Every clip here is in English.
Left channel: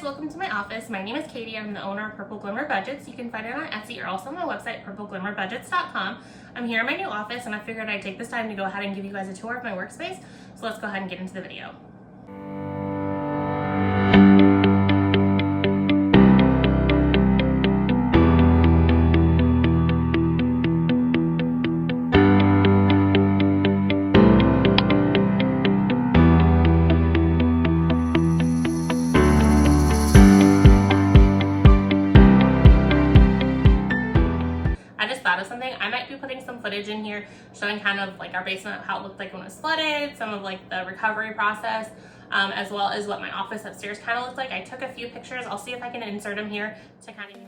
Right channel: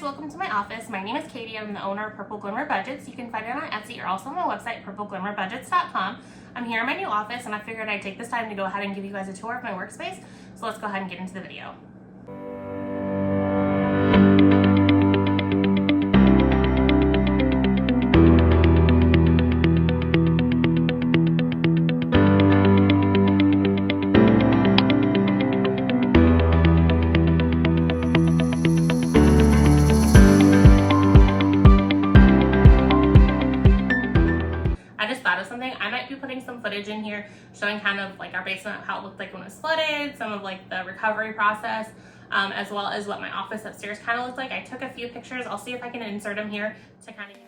guys, welcome to my office. My name is Katie. I'm the owner of Purple Glimmer Budgets. You can find it on Etsy or also on my website, PurpleGlimmerBudgets.com. I'm here in my new office and I figured I'd take this time to go ahead and give you guys a tour of my workspace. So let's go ahead and get into the video. I might be putting some footage in here showing kind of like our basement, how it looked like when it was flooded, some of like the recovery process, as well as what my office upstairs kind of looked like. I took a few pictures. I'll see if I can insert them here to kind of...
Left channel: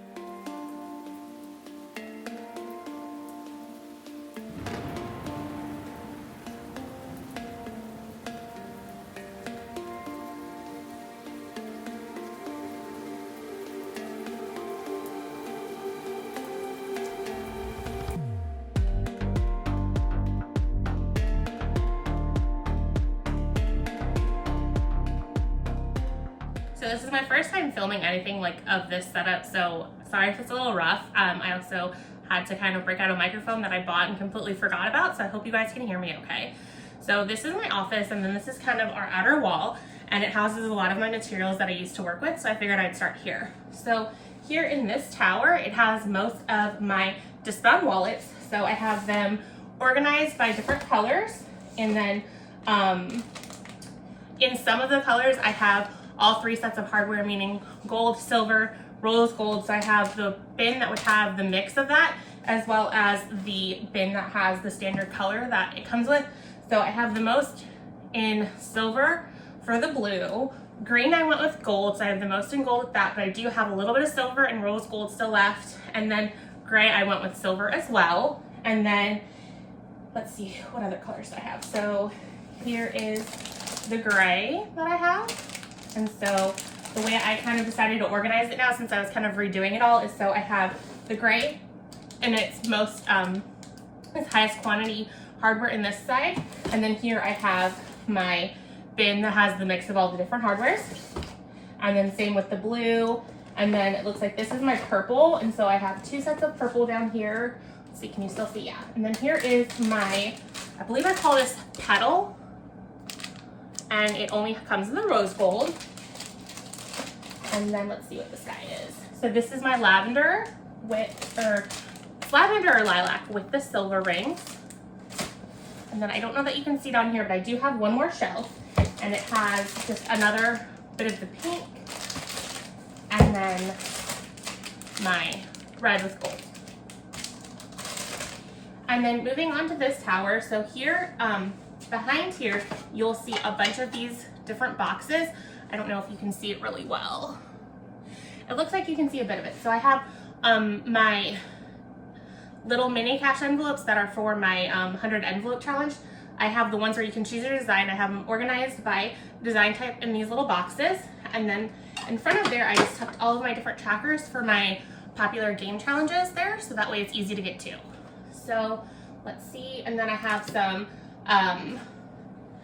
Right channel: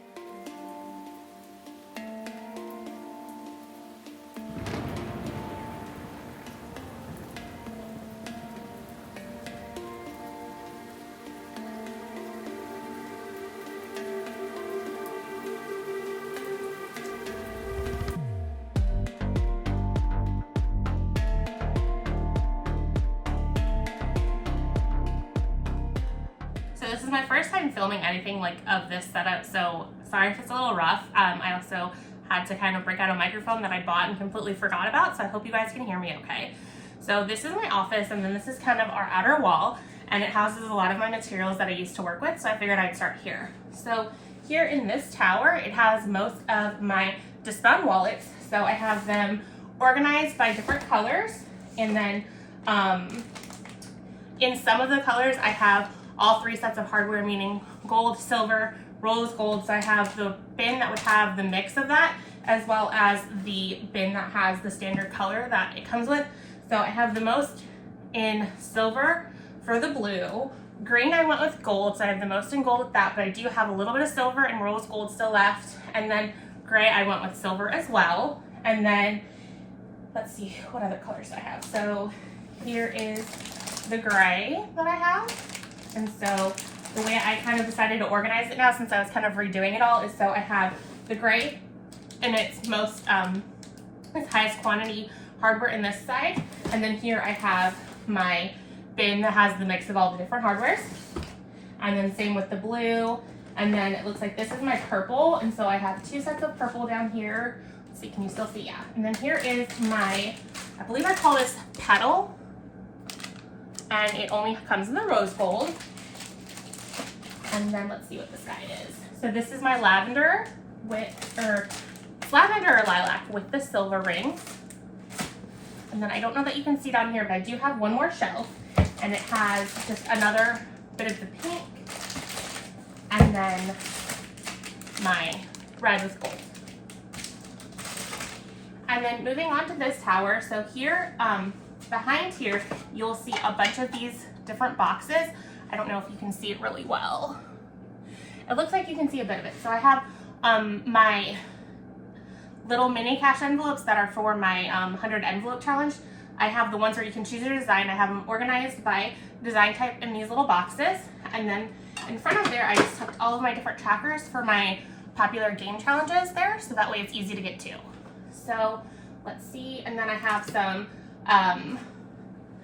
So this is my first time filming anything like of this setup, so sorry if it's a little rough. I also had to kind of break out a microphone that I bought and completely forgot about, so I hope you guys can hear me okay. So this is my office, and then this is kind of our outer wall, and it houses a lot of my materials that I used to work with, so I figured I'd start here. So here in this tower, it has most of my discount wallets, so I have them organized by different colors, and then in some of the colors I have all three sets of hardware, meaning gold, silver, rose gold. So I have the bin that would have the mix of that, as well as the bin that has the standard color that it comes with. So I have the most in silver for the blue. Green I went with gold, so I have the most in gold with that, but I do have a little bit of silver and rose gold still left. And then gray I went with silver as well. And then let's see what other colors I have. So here is the gray that I have. And so the way I kind of decided to organize it now, since I was kind of redoing it all, is so I have the gray and its most, its highest quantity hardware in this side. And then here I have my bin that has the mix of all the different hardwares. And then same with the blue. And then it looks like this is my purple. And so I have two sets of purple down here. Let's see, can you still see? Yeah. And then here is my, I believe I call this petal. And it only comes in the rose gold. And then let's see what this guy is. So this is my lavender with, or lavender or lilac with the silver rings. And then I don't know that you can see down here, but I do have one more shelf, and it has just another bit of the pink, and then my red with gold. And then moving on to this tower, so here, behind here, you'll see a bunch of these different boxes. I don't know if you can see it really well. It looks like you can see a bit of it. So I have my little mini cash envelopes that are for my 100 envelope challenge. I have the ones where you can choose your design. I have them organized by design type in these little boxes. And then in front of there, I just tucked all of my different trackers for my popular game challenges there, so that way it's easy to get to. So let's see, and then I have some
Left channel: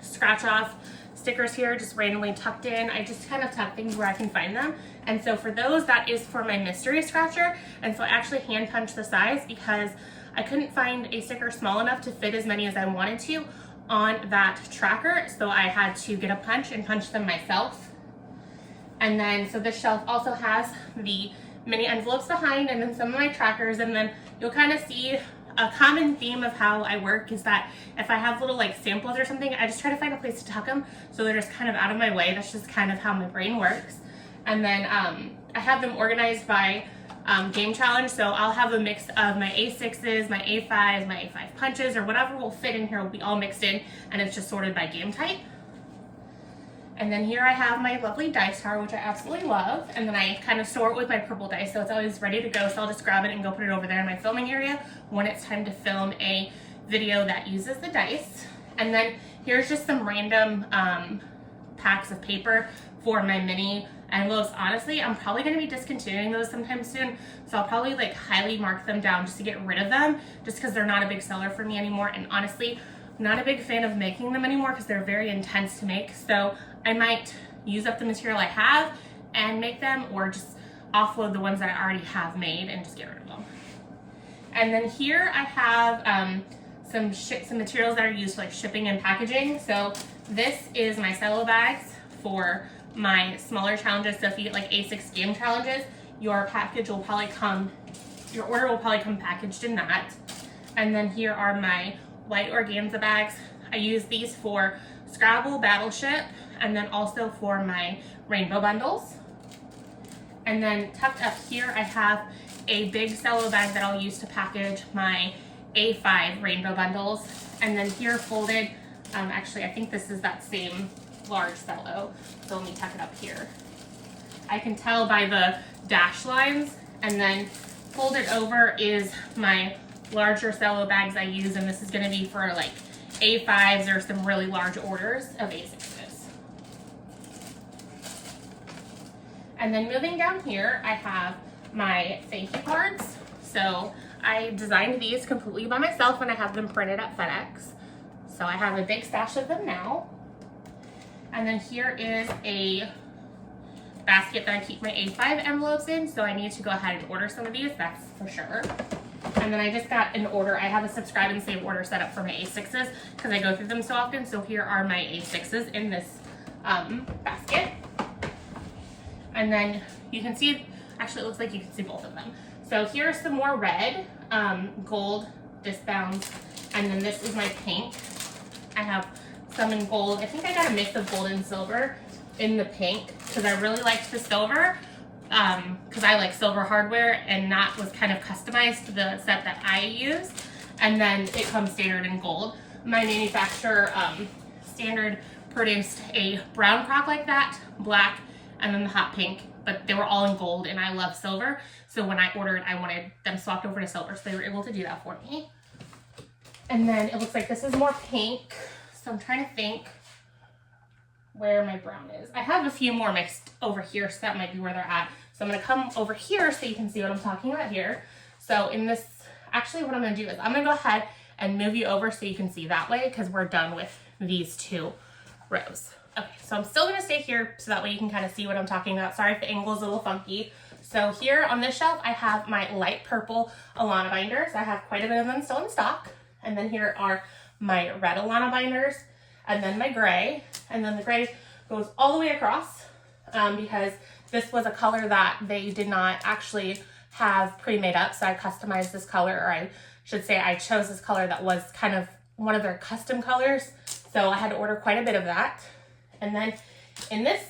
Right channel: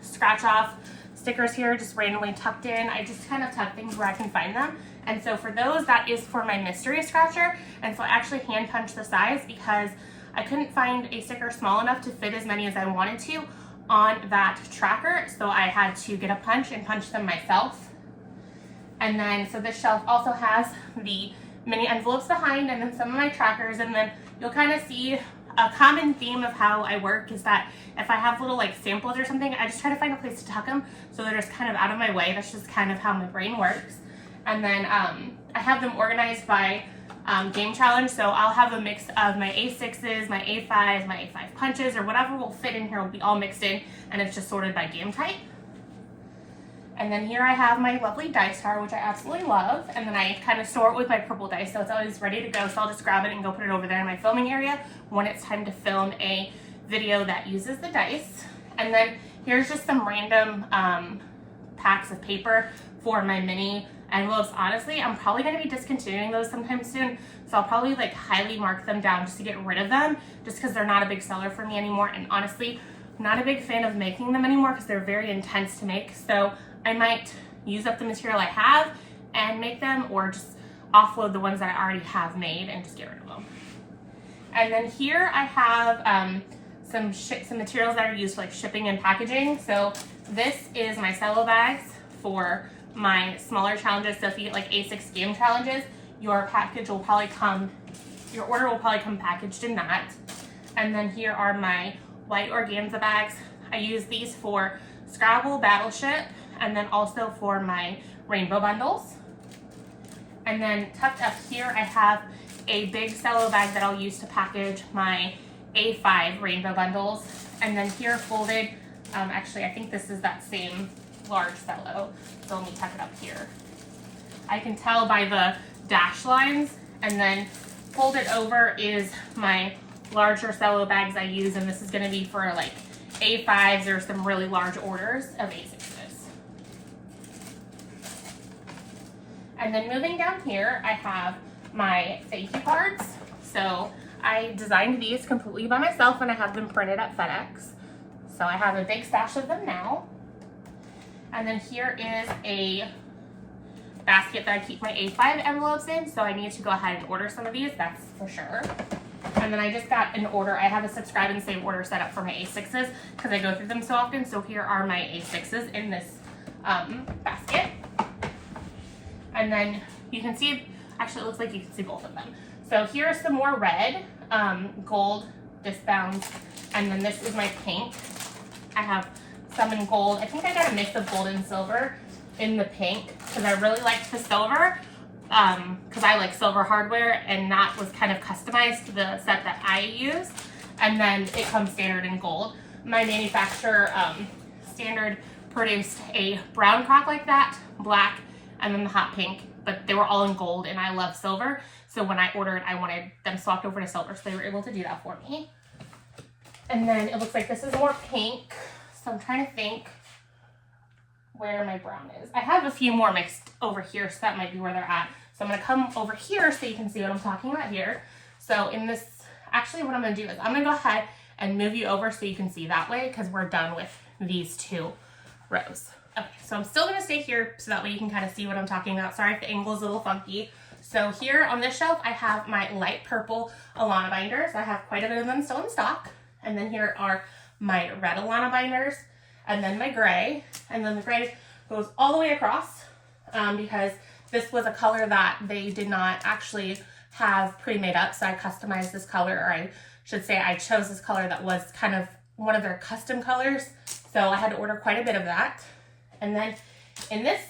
scratch off stickers here just randomly tucked in. I just kind of tuck things where I can find them. And so for those, that is for my mystery scratcher. And so I actually hand punched the size because I couldn't find a sticker small enough to fit as many as I wanted to on that tracker. So I had to get a punch and punch them myself. And then, so this shelf also has the mini envelopes behind and then some of my trackers. And then you'll kind of see a common theme of how I work is that if I have little like samples or something, I just try to find a place to tuck them so they're just kind of out of my way. That's just kind of how my brain works. And then I have them organized by game challenge. So I'll have a mix of my A6s, my A5s, my A5 punches, or whatever will fit in here will be all mixed in, and it's just sorted by game type. And then here I have my lovely dice tower, which I absolutely love. And then I kind of store it with my purple dice, so it's always ready to go. So I'll just grab it and go put it over there in my filming area when it's time to film a video that uses the dice. And then here's just some random packs of paper for my mini envelopes. Honestly, I'm probably going to be discontinuing those sometime soon. So I'll probably like highly mark them down just to get rid of them, just because they're not a big seller for me anymore. And honestly, I'm not a big fan of making them anymore because they're very intense to make. So I might use up the material I have and and make them, or just offload the ones that I already have made and just get rid of them. And then here I have some materials that are used for like shipping and packaging. So this is my cello bags for my smaller challenges. So if you get like A6 game challenges, your package will probably come, your order will probably come packaged in that. And then here are my white organza bags. I use these for Scrabble, Battleship, and then also for my rainbow bundles. And then tucked up here, I have a big cello bag that I'll use to package my A5 rainbow bundles. And then here folded, actually I think this is that same large cello, so let me tuck it up here. I can tell by the dash lines, and then folded over is my larger cello bags I use, and this is going to be for like A5s or some really large orders of A6s. And then moving down here, I have my thank you cards. So I designed these completely by myself and I have them printed at FedEx. So I have a big stash of them now. And then here is a basket that I keep my A5 envelopes in, so I need to go ahead and order some of these, that's for sure. And then I just got an order. I have a subscribe and save order set up for my A6s because I go through them so often. So here are my A6s in this basket. And then you can see, actually it looks like you can see both of them. So here are some more red, gold disbounds, and then this is my pink. I have some in gold. I think I got a mix of gold and silver in the pink because I really liked the silver because I like silver hardware, and that was kind of customized to the set that I use. And then it comes standard in gold. My manufacturer standard produced a brown crock like that, black, and then the hot pink, but they were all in gold, and I love silver. So when I ordered, I wanted them swapped over to silver, so they were able to do that for me. And then it looks like this is more pink. So I'm trying to think where my brown is. I have a few more mixed over here, so that might be where they're at. So I'm gonna come over here so you can see what I'm talking about here. So in this, actually what I'm gonna do is I'm gonna go ahead and move you over so you can see that way because we're done with these two rows. Okay, so I'm still gonna stay here so that way you can kind of see what I'm talking about. Sorry if the angle is a little funky. So here on this shelf, I have my light purple Alana binders. I have quite a bit of them still in stock. And then here are my red Alana binders, and then my gray, and then the gray goes all the way across because this was a color that they did not actually have pre-made up, so I customized this color, or I should say I chose this color that was kind of one of their custom colors, so I had to order quite a bit of that. And then in this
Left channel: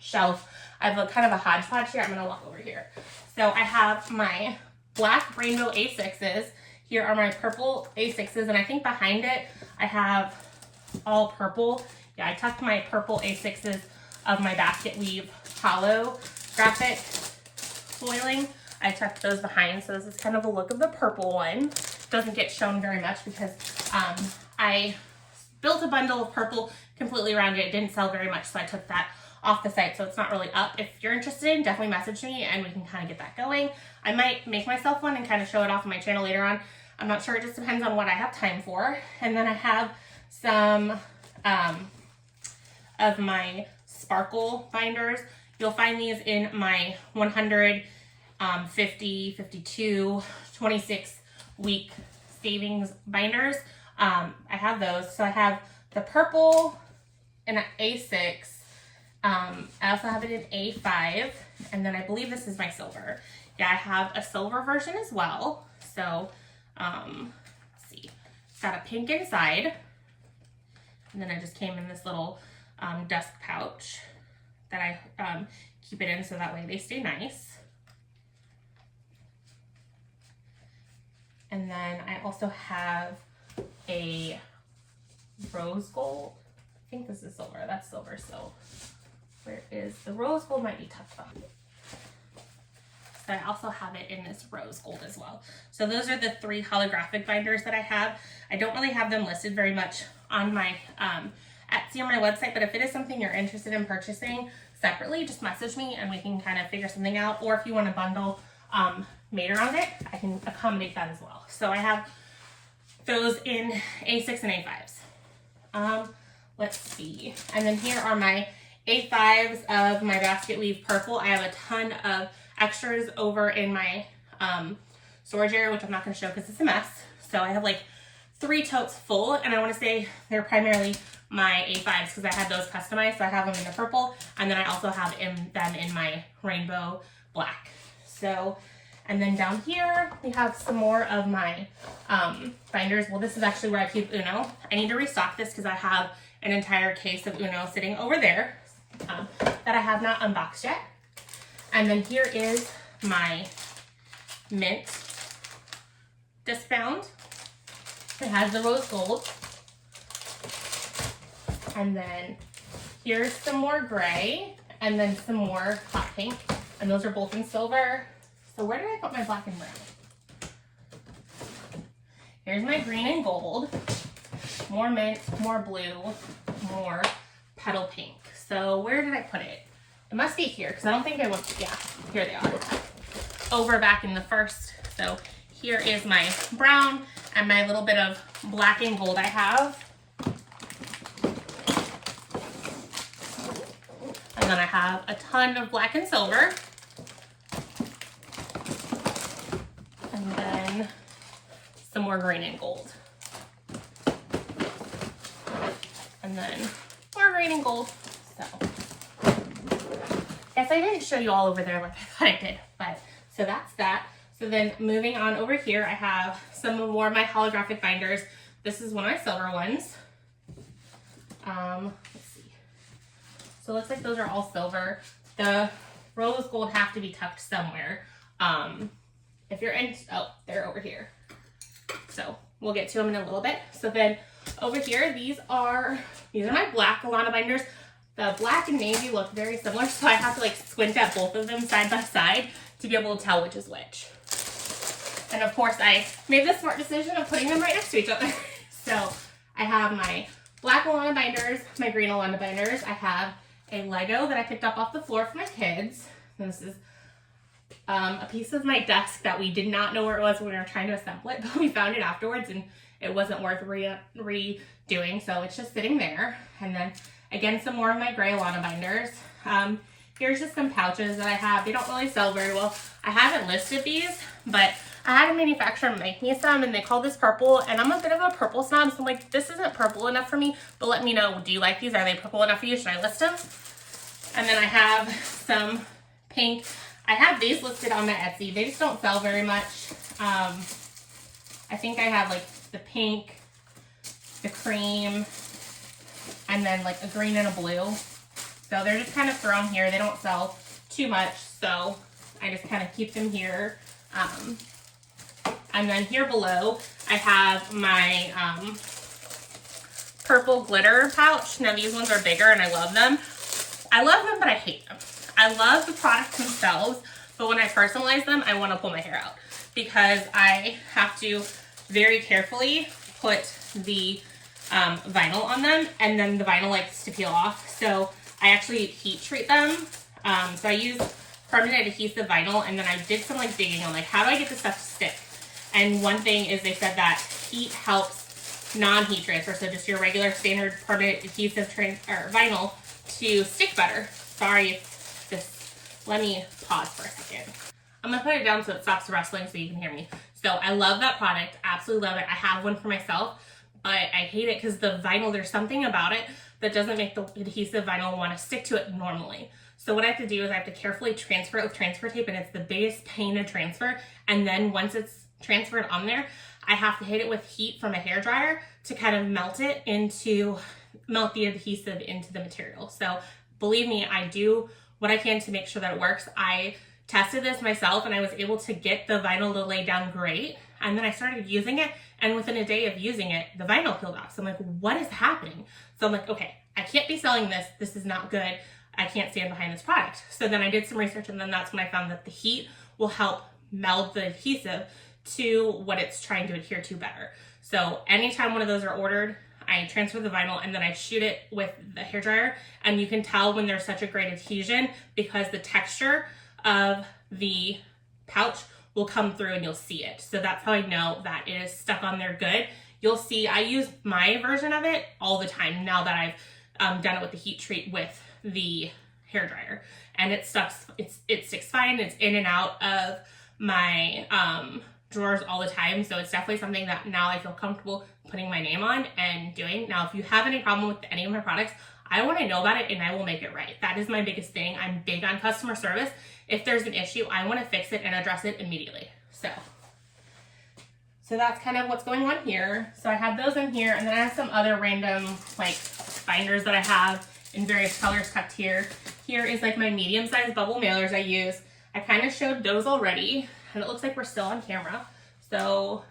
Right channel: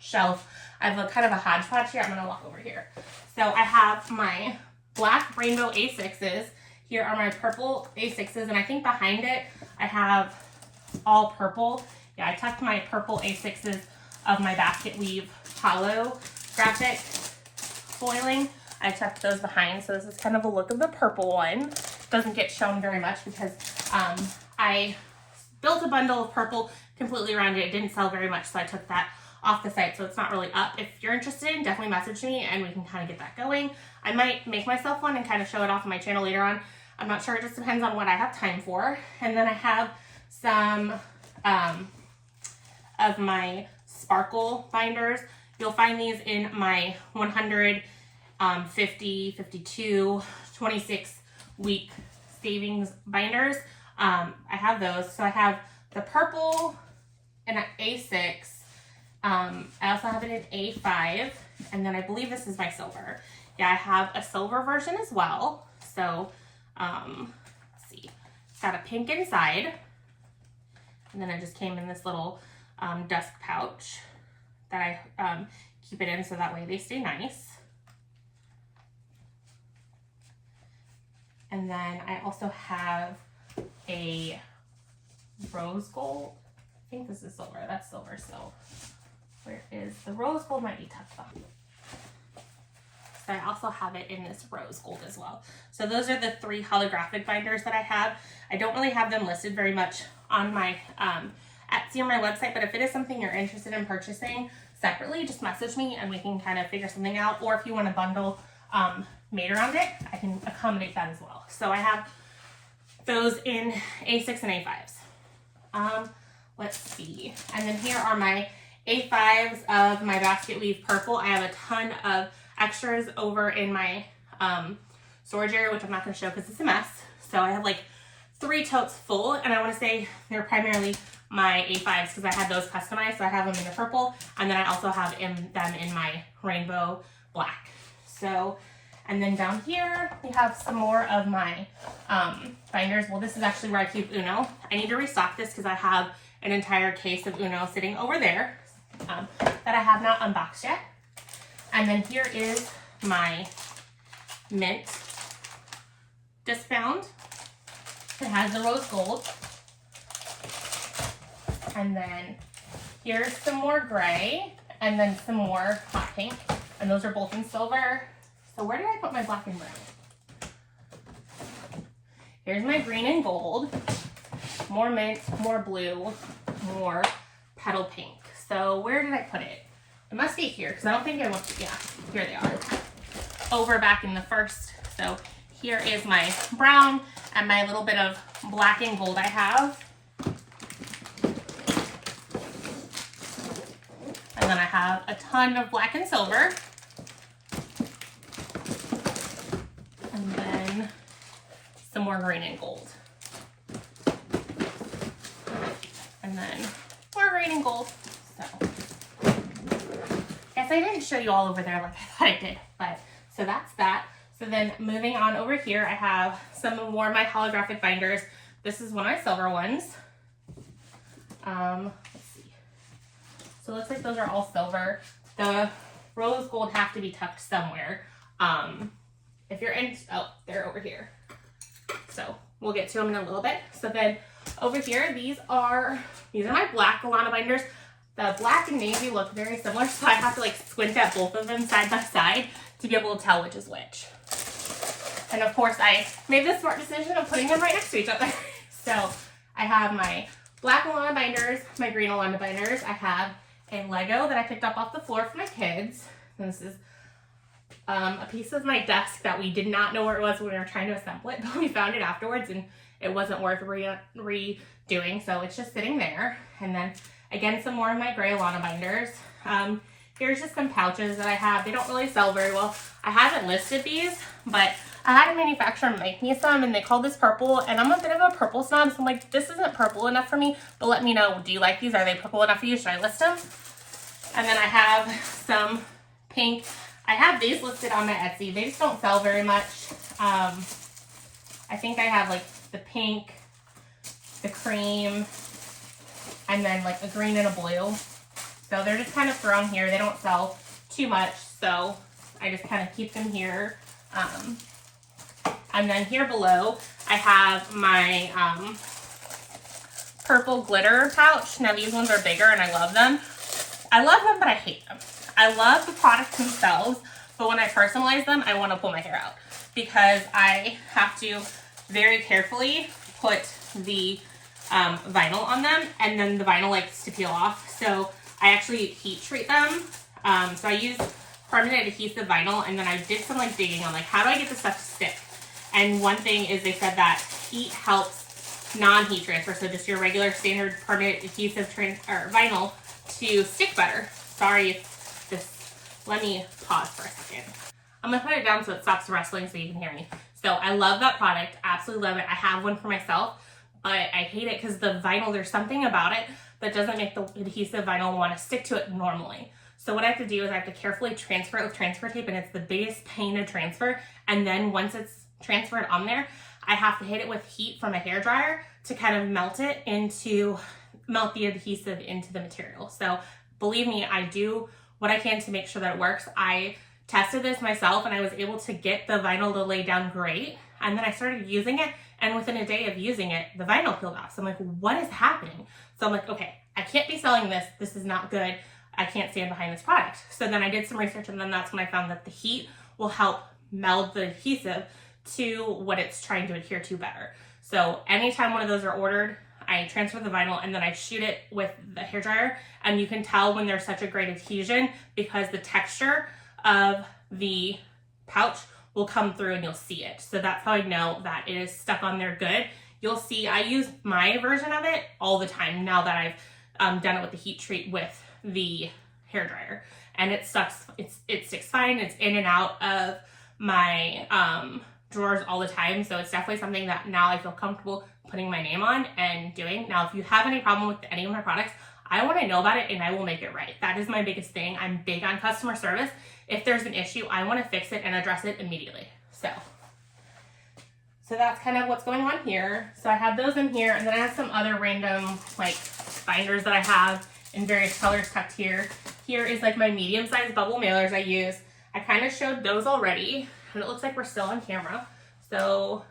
shelf, I have a kind of a hodgepodge here. I'm gonna walk over here. So I have my black rainbow A6s. Here are my purple A6s, and I think behind it I have all purple. Yeah, I tucked my purple A6s of my basket weave hollow graphic foiling. I tucked those behind, so this is kind of a look of the purple one. Doesn't get shown very much because I built a bundle of purple completely around it. It didn't sell very much, so I took that off the site, so it's not really up. If you're interested, definitely message me and we can kind of get that going. I might make myself one and kind of show it off on my channel later on. I'm not sure, it just depends on what I have time for. And then I have some of my sparkle binders. You'll find these in my 100, 50, 52, 26 week savings binders. I have those. So I have the purple in an A6. I also have it in A5, and then I believe this is my silver. Yeah, I have a silver version as well. So let's see, it's got a pink inside, and then it just came in this little dust pouch that I keep it in so that way they stay nice. And then I also have a rose gold. I think this is silver. That's silver. So where is the rose gold? Might be tucked behind. So I also have it in this rose gold as well. So those are the 3 holographic binders that I have. I don't really have them listed very much on my Etsy or my website, but if it is something you're interested in purchasing separately, just message me and we can kind of figure something out. Or if you want a bundle made around it, I can accommodate that as well. So I have those in A6 and A5s. Let's see. And then here are my A5s of my basket weave purple. I have a ton of extras over in my storage area, which I'm not going to show because it's a mess. So I have like 3 totes full, and I want to say they're primarily my A5s because I had those customized. So I have them in the purple, and then I also have them in my rainbow black. So, and then down here we have some more of my binders. Well, this is actually where I keep Uno. I need to restock this because I have an entire case of Uno sitting over there that I have not unboxed yet. And then here is my mint discbound. It has the rose gold. And then here's some more gray, and then some more hot pink. And those are both in silver. So where did I put my black and brown? Here's my green and gold. More mint, more blue, more petal pink. So where did I put it? It must be here, because I don't think I want to, yeah, here they are. Over back in the first. So here is my brown and my little bit of black and gold I have. And then I have a ton of black and silver. And then some more green and gold. And then more green and gold. So, guess I didn't show you all over there like I thought I did, but so that's that. So then moving on over here, I have some more of my holographic binders. This is one of my silver ones. Let's see. So it looks like those are all silver. The rose gold have to be tucked somewhere. If you're in, oh, they're over here. So we'll get to them in a little bit. So then over here, these are my black Alana binders. The black and navy look very similar, so I have to like squint at both of them side by side to be able to tell which is which. And of course, I made the smart decision of putting them right next to each other. So I have my black Alana binders, my green Alana binders. I have a Lego that I picked up off the floor for my kids. And this is a piece of my desk that we did not know where it was when we were trying to assemble it, but we found it afterwards and it wasn't worth redoing, so it's just sitting there. And then again, some more of my gray Alana binders. Here's just some pouches that I have. They don't really sell very well. I haven't listed these, but I had a manufacturer make me some, and they called this purple, and I'm a bit of a purple snob, so I'm like, this isn't purple enough for me, but let me know, do you like these? Are they purple enough for you? Should I list them? And then I have some pink. I have these listed on the Etsy. They just don't sell very much. I think I have like the pink, the cream, and then like a green and a blue. So they're just kind of thrown here. They don't sell too much, so I just kind of keep them here. And then here below, I have my purple glitter pouch. Now these ones are bigger and I love them. I love them, but I hate them. I love the products themselves, but when I personalize them, I want to pull my hair out because I have to very carefully put the vinyl on them, and then the vinyl likes to peel off. So I actually heat treat them. So I use permanent adhesive vinyl, and then I did some like digging on like how do I get this stuff to stick. And one thing is they said that heat helps non-heat transfer, so just your regular standard permanent adhesive vinyl to stick better. Sorry, let me pause for a second. I'm gonna put it down so it stops rustling so you can hear me. So I love that product, absolutely love it. I have one for myself, but I hate it because the vinyl, there's something about it that doesn't make the adhesive vinyl want to stick to it normally. So what I have to do is I have to carefully transfer it with transfer tape, and it's the biggest pain to transfer. And then once it's transferred on there, I have to hit it with heat from a hairdryer to kind of melt the adhesive into the material. So believe me, I do what I can to make sure that it works. I tested this myself and I was able to get the vinyl to lay down great. And then I started using it, and within a day of using it, the vinyl peeled off. So I'm like, what is happening? So I'm like, okay, I can't be selling this. This is not good. I can't stand behind this product. So then I did some research, and then that's when I found that the heat will help meld the adhesive to what it's trying to adhere to better. So anytime one of those are ordered, I transfer the vinyl and then I shoot it with the hairdryer, and you can tell when there's such a great adhesion because the texture of the pouch will come through and you'll see it. So that's how I know that it is stuck on there good. You'll see I use my version of it all the time now that I've done it with the heat treat with the hair dryer, and it sticks fine. It's in and out of my drawers all the time, so it's definitely something that now I feel comfortable putting my name on and doing. Now, if you have any problem with any of my products, I want to know about it and I will make it right. That is my biggest thing. I'm big on customer service. If there's an issue, I want to fix it and address it immediately. So that's kind of what's going on here. So I have those in here, and then I have some other random like binders that I have in various colors tucked here. Here is like my medium-sized bubble mailers I use. I kind of showed those already, and it looks like we're still on camera. So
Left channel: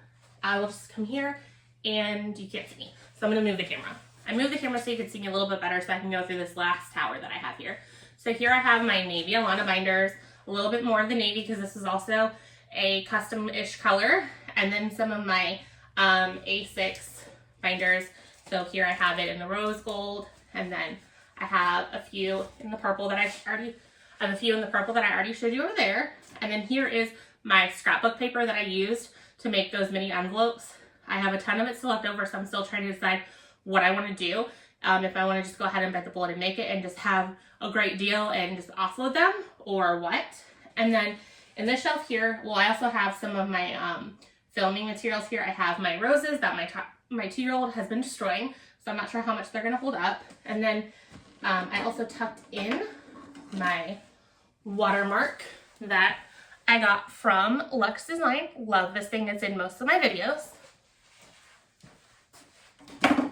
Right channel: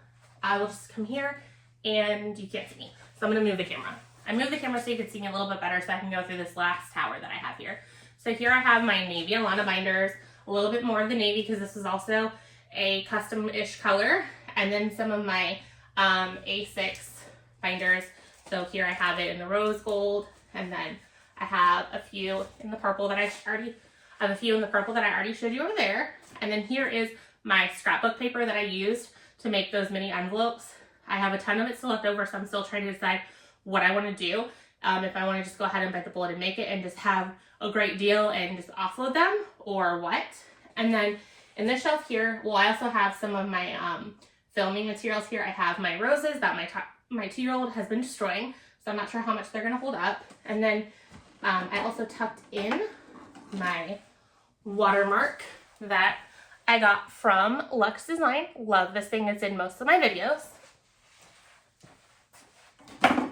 I will just come here, and you can't see me. So I'm gonna move the camera. I moved the camera so you can see me a little bit better so I can go through this last tower that I have here. So here I have my navy Alana binders, a little bit more of the navy because this is also a custom-ish color, and then some of my A6 binders. So here I have it in the rose gold, and then I have a few in the purple that I already showed you over there. And then here is my scrapbook paper that I used to make those mini envelopes. I have a ton of it still left over, so I'm still trying to decide what I want to do. If I want to just go ahead and bite the bullet and make it and just have a great deal and just offload them, or what. And then in this shelf here, well, I also have some of my filming materials here. I have my roses that my 2-year-old has been destroying, so I'm not sure how much they're going to hold up. And then I also tucked in my watermark that I got from Luxe Design. Love this thing. It's in most of my videos.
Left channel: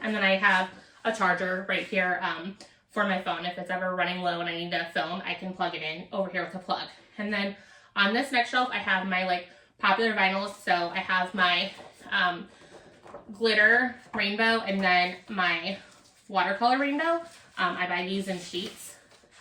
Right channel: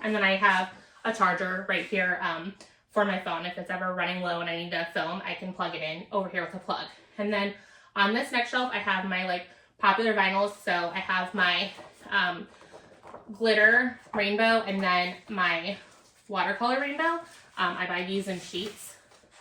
And then I have a charger right here for my phone. If it's ever running low and I need to film, I can plug it in over here with a plug. And then on this next shelf, I have my like popular vinyls. So I have my glitter rainbow and then my watercolor rainbow. I buy these in sheets.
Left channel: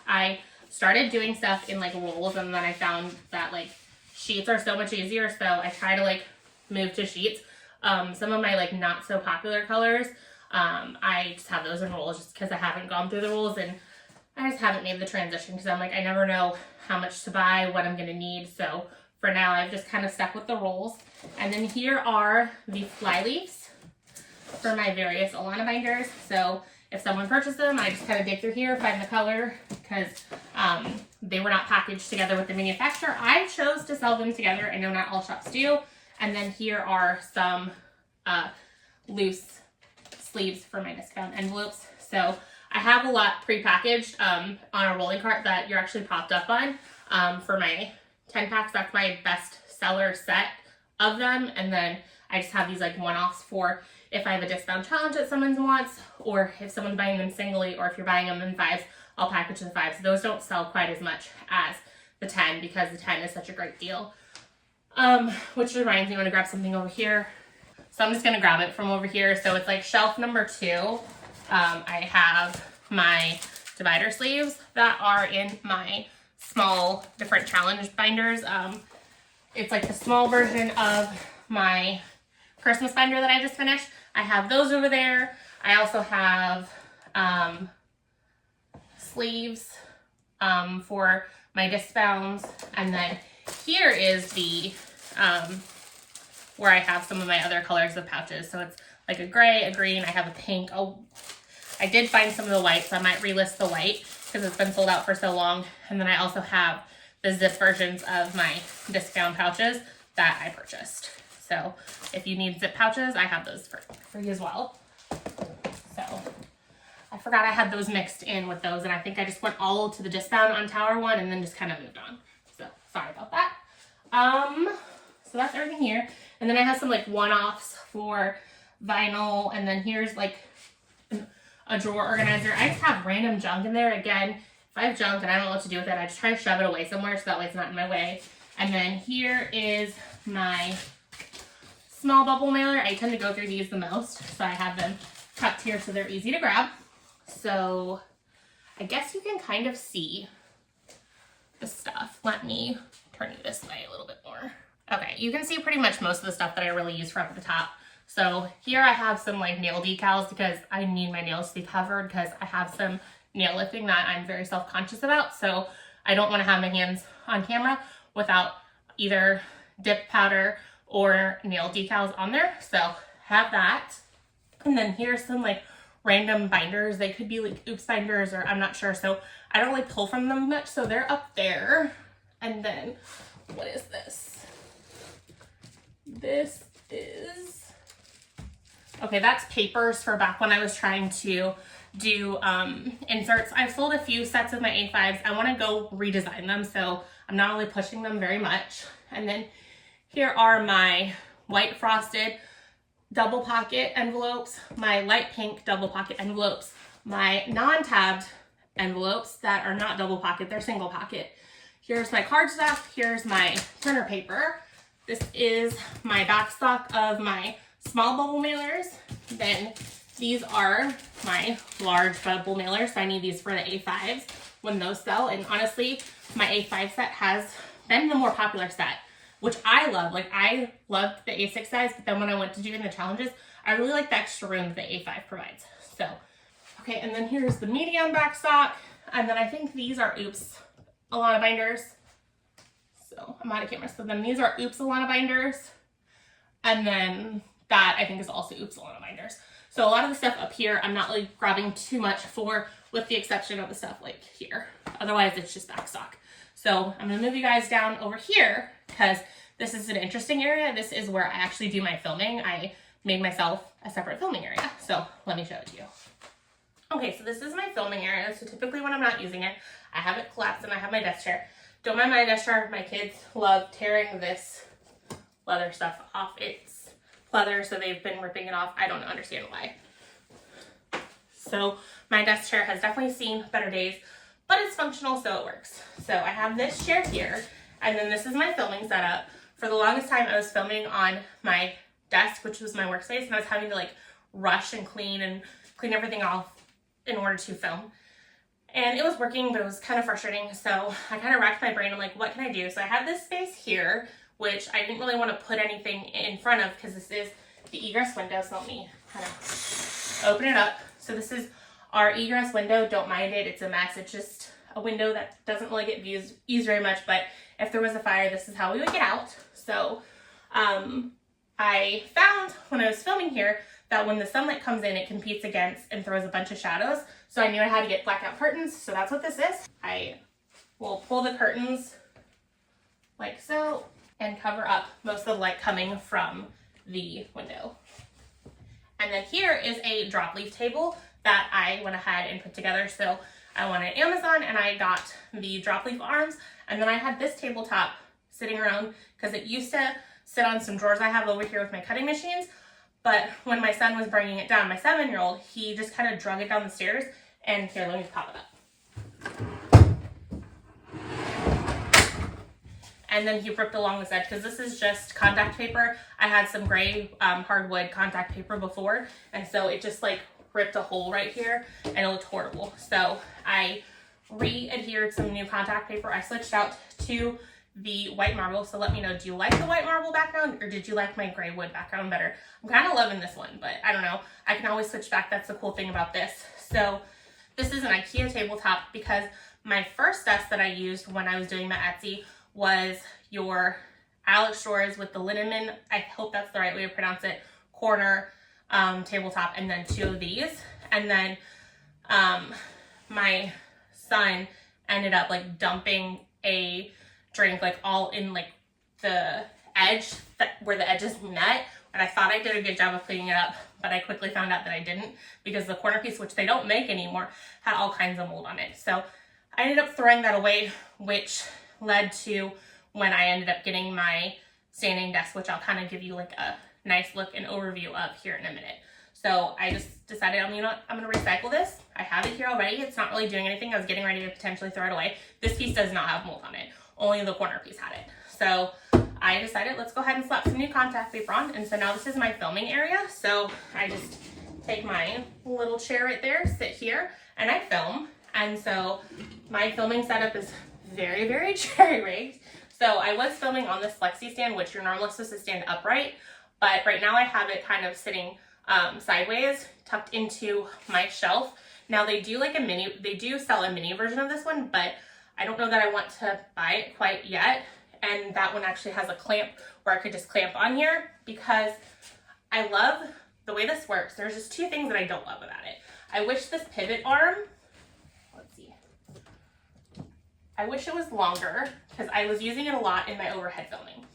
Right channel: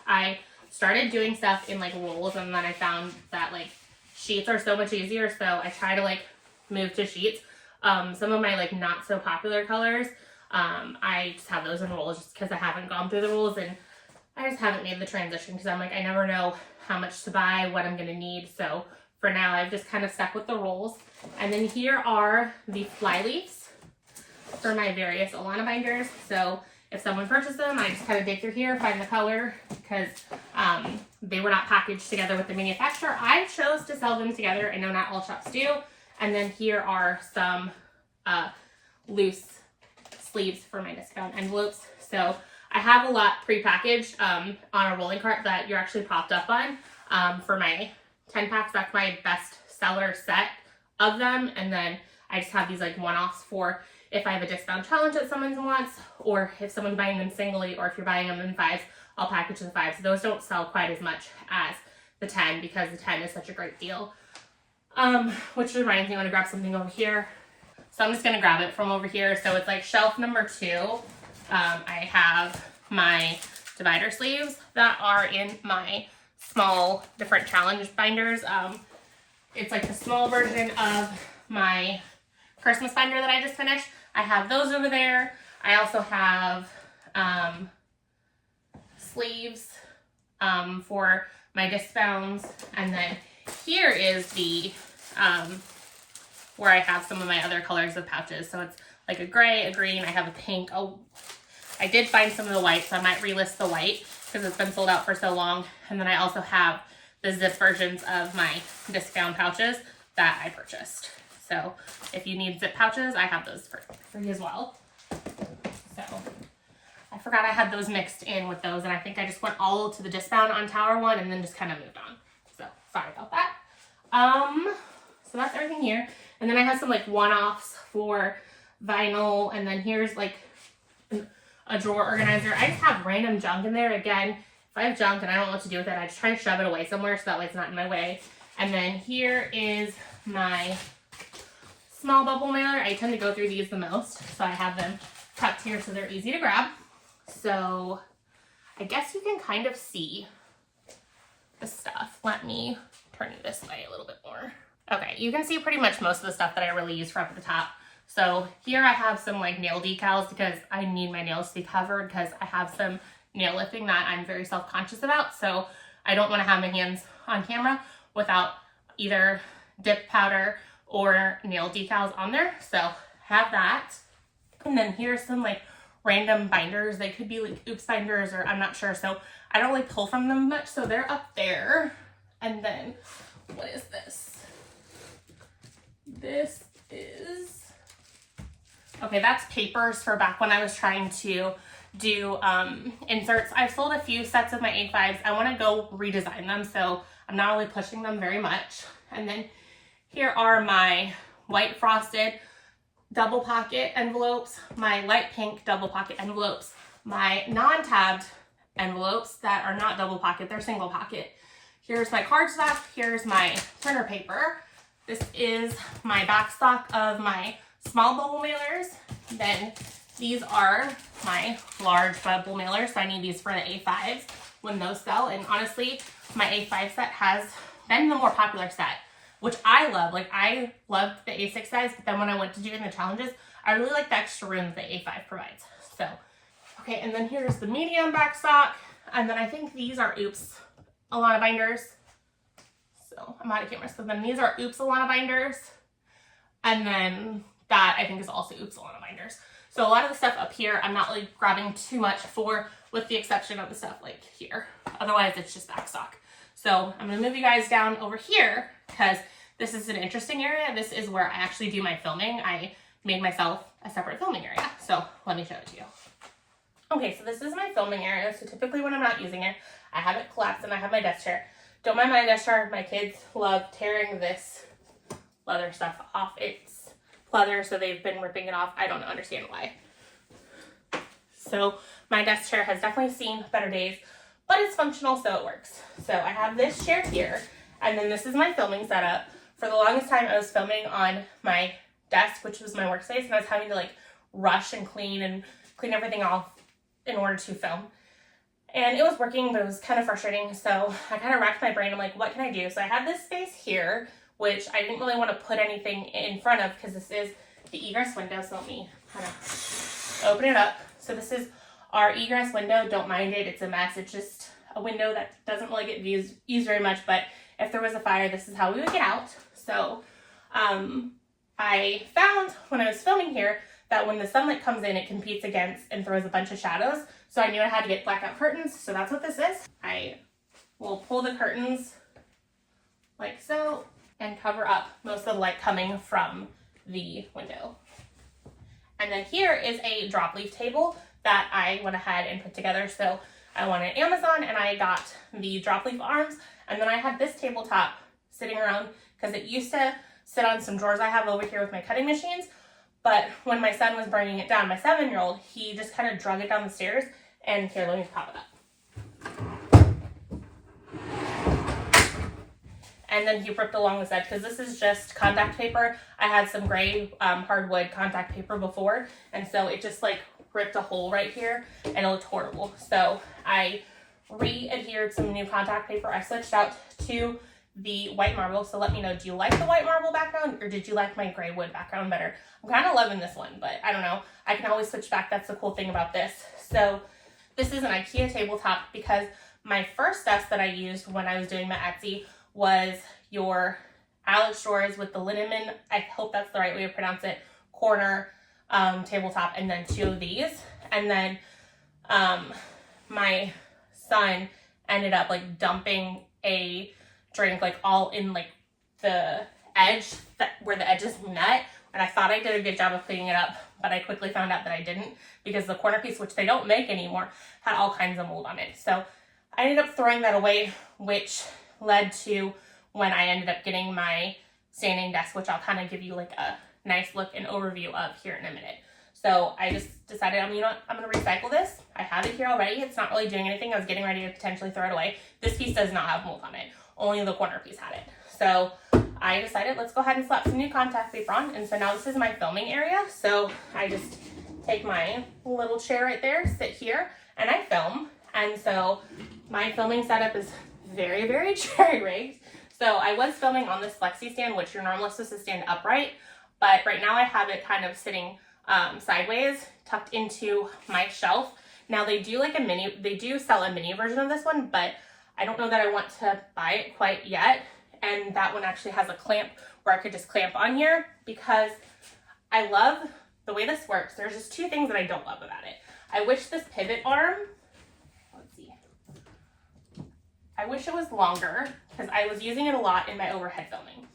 I started doing stuff in like rolls, and then I found that like sheets are so much easier, so I try to like move to sheets. Some of my like not so popular colors, I just have those in rolls just because I haven't gone through the rolls, and I just haven't made the transition because I'm like, I never know how much to buy, what I'm gonna need. So for now, I've just kind of stuck with the rolls. And then here are the fly leaves for my various Alana binders. So if someone purchased them, I just kind of dig through here, find the color, because they were not packaged together with the manufacturer. I chose to sell them together. I know not all shops do. And then here are some loose sleeves for my discount envelopes. So I have a lot pre-packaged on a rolling cart that you're actually popped up on for my 10 packs. That's my best seller set of them. And then I just have these like one-offs for if I have a discount challenge that someone wants, or if someone's buying them singly, or if you're buying them in 5s, I'll package the 5s. So those don't sell quite as much as the 10 because the 10 is such a great deal. Which reminds me, I want to grab something over here. So I'm just going to grab it from over here. So it's like shelf number 2. I have my divider sleeves that are in my small different challenge binders. It's like the small version of my Christmas binder that I just finished. I have those over there. I also have sleeves for my disc bounds. And then here is the where I have some of my other colors of pouches. So it's like a gray, a green, I have a pink. Oh, I did find some of the white, so I might relist the white because it's been sold out for so long. And then I also have the zip versions of my disc bound pouches that I purchased. So if you need zip pouches, I have those for you as well. So I forgot I had those mixed in with those, and I think I just went all to the disc bound on Tower 1 and then just kind of moved on. So sorry about that. So that's everything here. And then I have some like one-offs for vinyl, and then here's like a drawer organizer. I just have random junk in there. Again, if I have junk and I don't know what to do with it, I just try to shove it away somewhere so that way it's not in my way. And then here is my small bubble mailer. I tend to go through these the most, so I have them tucked here so they're easy to grab. So I guess you can kind of see the stuff. Let me turn you this way a little bit more. Okay, you can see pretty much most of the stuff that I really use for up at the top. So here I have some like nail decals because I need my nails to be covered because I have some nail lifting that I'm very self-conscious about. So I don't want to have my hands on camera without either dip powder or nail decals on there. So have that. And then here's some like random binders. They could be like oops binders, or I'm not sure. So I don't really pull from them much. So they're up there. And then what is this? This is, okay, that's papers for back when I was trying to do inserts. I've sold a few sets of my A5s. I want to go redesign them, so I'm not really pushing them very much. And then here are my white frosted double pocket envelopes, my light pink double pocket envelopes, my non-tabbed envelopes that are not double pocket, they're single pocket. Here's my card stock, here's my printer paper. This is my back stock of my small bubble mailers. Then these are my large bubble mailers, so I need these for the A5s when those sell. And honestly, my A5 set has been the more popular set, which I love. Like, I loved the A6 size, but then when I went to doing the challenges, I really like the extra room that A5 provides. So, okay, and then here's the medium back stock. And then I think these are Oops Alana binders. So I'm out of camera. So then these are Oops Alana binders. And then that I think is also Oops Alana binders. So a lot of the stuff up here, I'm not really grabbing too much for, with the exception of the stuff like here. Otherwise, it's just back stock. So I'm gonna move you guys down over here because this is an interesting area. This is where I actually do my filming. I made myself a separate filming area. So let me show it to you. Okay, so this is my filming area. So typically when I'm not using it, I have it collapsed and I have my desk chair. Don't mind my desk chair. My kids love tearing this leather stuff off. It's leather, so they've been ripping it off. I don't understand why. So my desk chair has definitely seen better days, but it's functional, so it works. So I have this chair here, and then this is my filming setup. For the longest time, I was filming on my desk, which was my workspace, and I was having to like rush and clean everything off in order to film. And it was working, but it was kind of frustrating. So I kind of racked my brain. I'm like, what can I do? So I have this space here, which I didn't really want to put anything in front of because this is the egress window. So let me kind of open it up. So this is our egress window. Don't mind it. It's a mess. It's just a window that doesn't really get used very much. But if there was a fire, this is how we would get out. So I found when I was filming here that when the sunlight comes in, it competes against and throws a bunch of shadows. So I knew I had to get blackout curtains. So that's what this is. I will pull the curtains like so and cover up most of the light coming from the window. And then here is a drop leaf table that I went ahead and put together. So I went on Amazon and I got the drop leaf arms. And then I had this tabletop sitting around because it used to sit on some drawers I have over here with my cutting machines. But when my son was bringing it down, my 7-year-old, he just kind of drug it down the stairs. And here, let me pop it up. And then he ripped along this edge because this is just contact paper. I had some gray hardwood contact paper before, and so it just like ripped a hole right here and it looked horrible. So I re-adhered some new contact paper. I switched out to the white marble. So let me know, do you like the white marble background or did you like my gray wood background better? I'm kind of loving this one, but I don't know. I can always switch back. That's the cool thing about this. So this is an IKEA tabletop because my first desk that I used when I was doing my Etsy was your Alex drawers with the liniment, I hope that's the right way to pronounce it, corner tabletop, and then 2 of these. And then my son ended up like dumping a drink like all in like the edge where the edges met, and I thought I did a good job of cleaning it up, but I quickly found out that I didn't because the corner piece, which they don't make anymore, had all kinds of mold on it. So I ended up throwing that away, which led to when I ended up getting my standing desk, which I'll kind of give you like a nice look and overview of here in a minute. So I just decided, I'm going to recycle this. I have it here already. It's not really doing anything. I was getting ready to potentially throw it away. This piece does not have mold on it. Only the corner piece had it. So I decided, let's go ahead and slap some new contact paper on. And so now this is my filming area. So I just take my little chair right there, sit here, and I film. And so my filming setup is very, very jerry-rigged. So I was filming on this flexi stand, which you're normally supposed to stand upright, but right now I have it kind of sitting sideways, tucked into my shelf. Now they do sell a mini version of this one, but I don't know that I want to buy it quite yet. And that one actually has a clamp where I could just clamp on here because I love the way this works. There's just 2 things that I don't love about it. I wish this pivot arm, let's see, I wish it was longer because I was using it a lot in my overhead filming.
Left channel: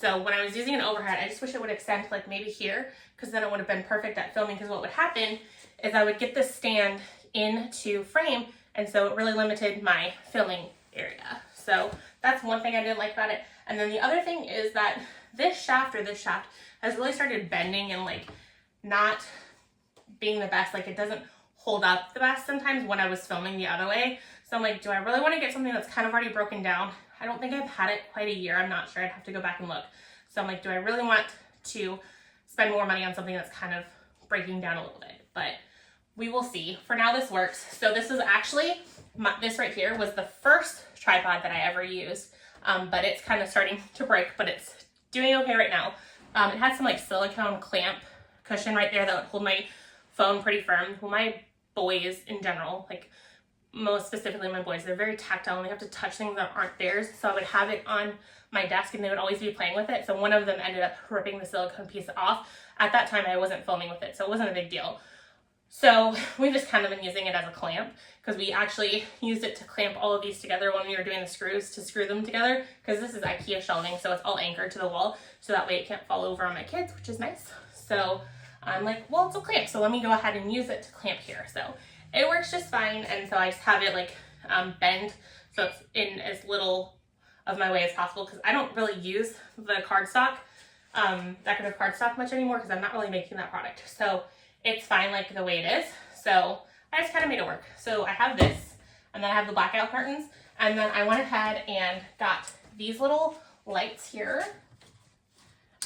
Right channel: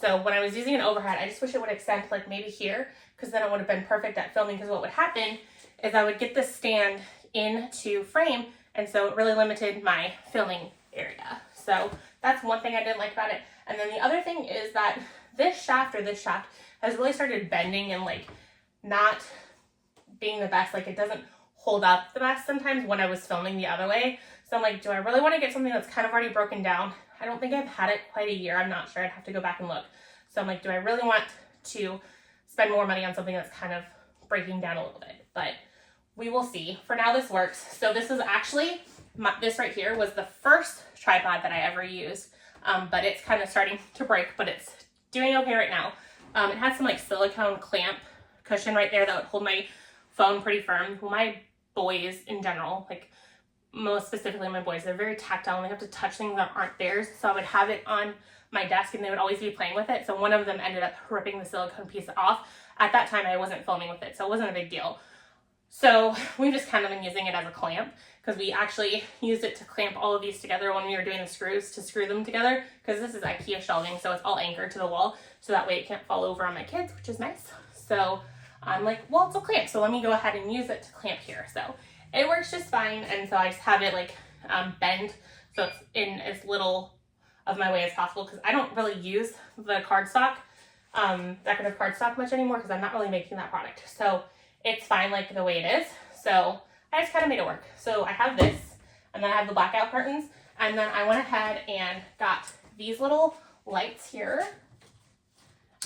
So when I was using an overhead, I just wish it would extend like maybe here, because then it would have been perfect at filming. Because what would happen is I would get this stand into frame, and so it really limited my filming area. So that's one thing I didn't like about it. And then the other thing is that this shaft has really started bending and like not being the best. Like it doesn't hold up the best sometimes when I was filming the other way. So I'm like, do I really want to get something that's kind of already broken down? I don't think I've had it quite a year. I'm not sure. I'd have to go back and look. So I'm like, do I really want to spend more money on something that's kind of breaking down a little bit? But we will see. For now, this works. So this is actually, this right here was the first tripod that I ever used, but it's kind of starting to break, but it's doing okay right now. It had some like silicone clamp cushion right there that would hold my phone pretty firm. Well, my boys in general, like most specifically my boys, they're very tactile and they have to touch things that aren't theirs. So I would have it on my desk and they would always be playing with it. So one of them ended up ripping the silicone piece off. At that time, I wasn't filming with it, so it wasn't a big deal. So we've just kind of been using it as a clamp, because we actually used it to clamp all of these together when we were doing the screws, to screw them together, because this is IKEA shelving, so it's all anchored to the wall, so that way it can't fall over on my kids, which is nice. So I'm like, well, it's a clamp, so let me go ahead and use it to clamp here. So it works just fine, and so I just have it like bend so it's in as little of my way as possible, because I don't really use the cardstock, decorative cardstock much anymore, because I'm not really making that product. So it's fine like the way it is. So I just kind of made it work. So I have this, and then I have the blackout curtains, and then I went ahead and got these little lights here,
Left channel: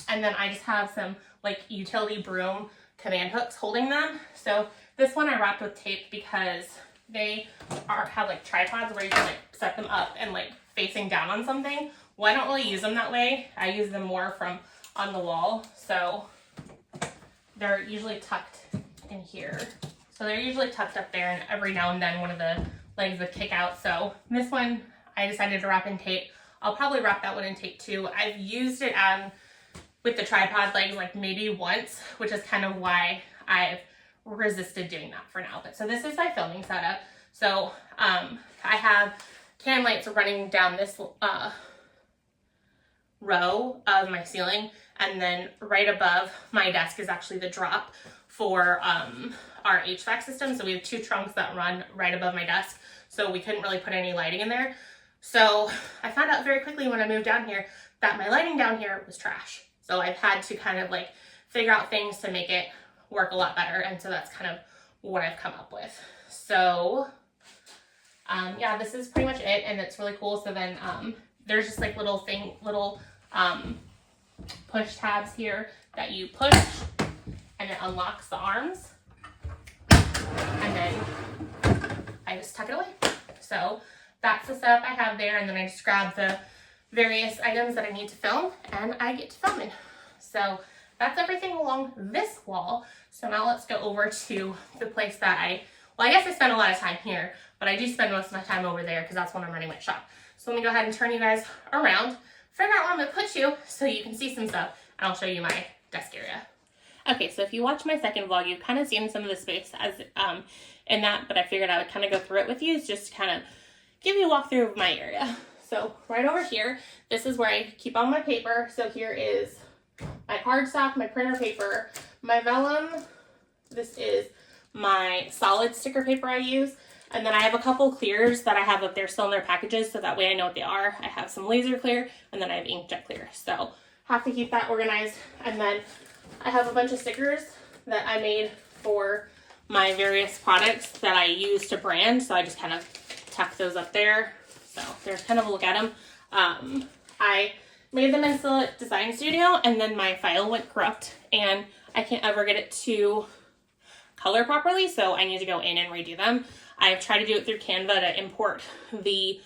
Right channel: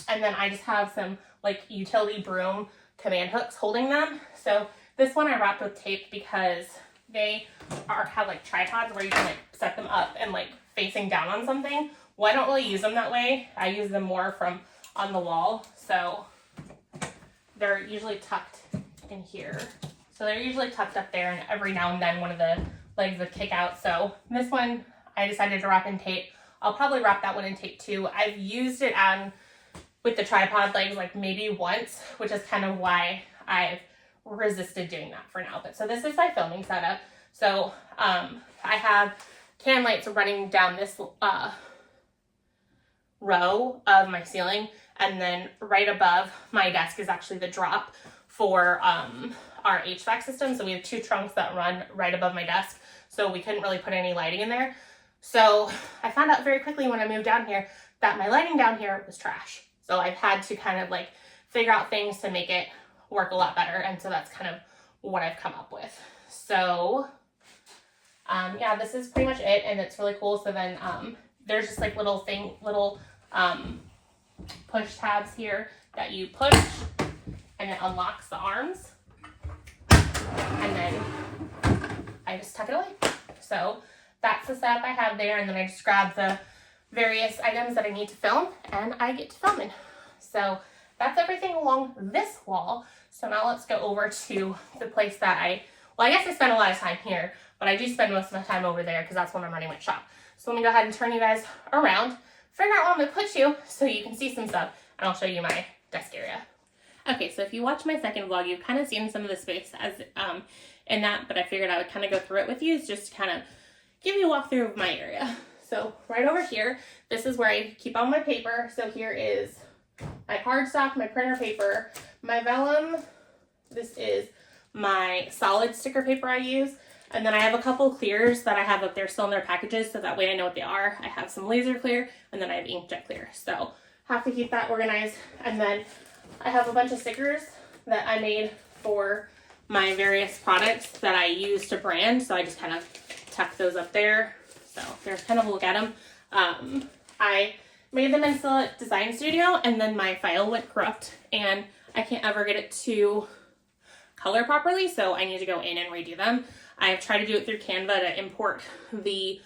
and then I just have some like utility broom command hooks holding them. So this one I wrapped with tape because they have like tripods where you can like set them up and like facing down on something. Well, I don't really use them that way. I use them more from on the wall. So they're usually tucked in here. So they're usually tucked up there, and every now and then one of the legs would kick out. So this one I decided to wrap in tape. I'll probably wrap that one in tape too. I've used it on with the tripod legs like maybe once, which is kind of why I've resisted doing that for now. But so this is my filming setup. So I have can lights running down this row of my ceiling, and then right above my desk is actually the drop for our HVAC system. So we have two trunks that run right above my desk, so we couldn't really put any lighting in there. So I found out very quickly when I moved down here that my lighting down here was trash. So I've had to kind of like figure out things to make it work a lot better, and so that's kind of what I've come up with. So yeah, this is pretty much it, and it's really cool. So then there's just like little push tabs here that you push, and it unlocks the arms, and then I just tuck it away. So that's the setup I have there, and then I just grab the various items that I need to film, and I get to filming. So that's everything along this wall. So now let's go over to the place that I guess I spend a lot of time here, but I do spend most of my time over there because that's when I'm running my shop. So let me go ahead and turn you guys around, figure out where I'm gonna put you so you can see some stuff, and I'll show you my desk area. Okay, so if you watch my second vlog, you've kind of seen some of the space as in that, but I figured I would kind of go through it with you just to kind of give you a walkthrough of my area. So right over here, this is where I keep all my paper. So here is my cardstock, my printer paper, my vellum. This is my solid sticker paper I use. And then I have a couple clears that I have up there still in their packages, so that way I know what they are. I have some laser clear, and then I have inkjet clear. So have to keep that organized. And then I have a bunch of stickers that I made for my various products that I use to brand. So I just kind of tuck those up there. So there's kind of a look at them. I made them in Silhouette Design Studio, and then my file went corrupt, and I can't ever get it to color properly, so I need to go in and redo them. I've tried to do it through Canva to import the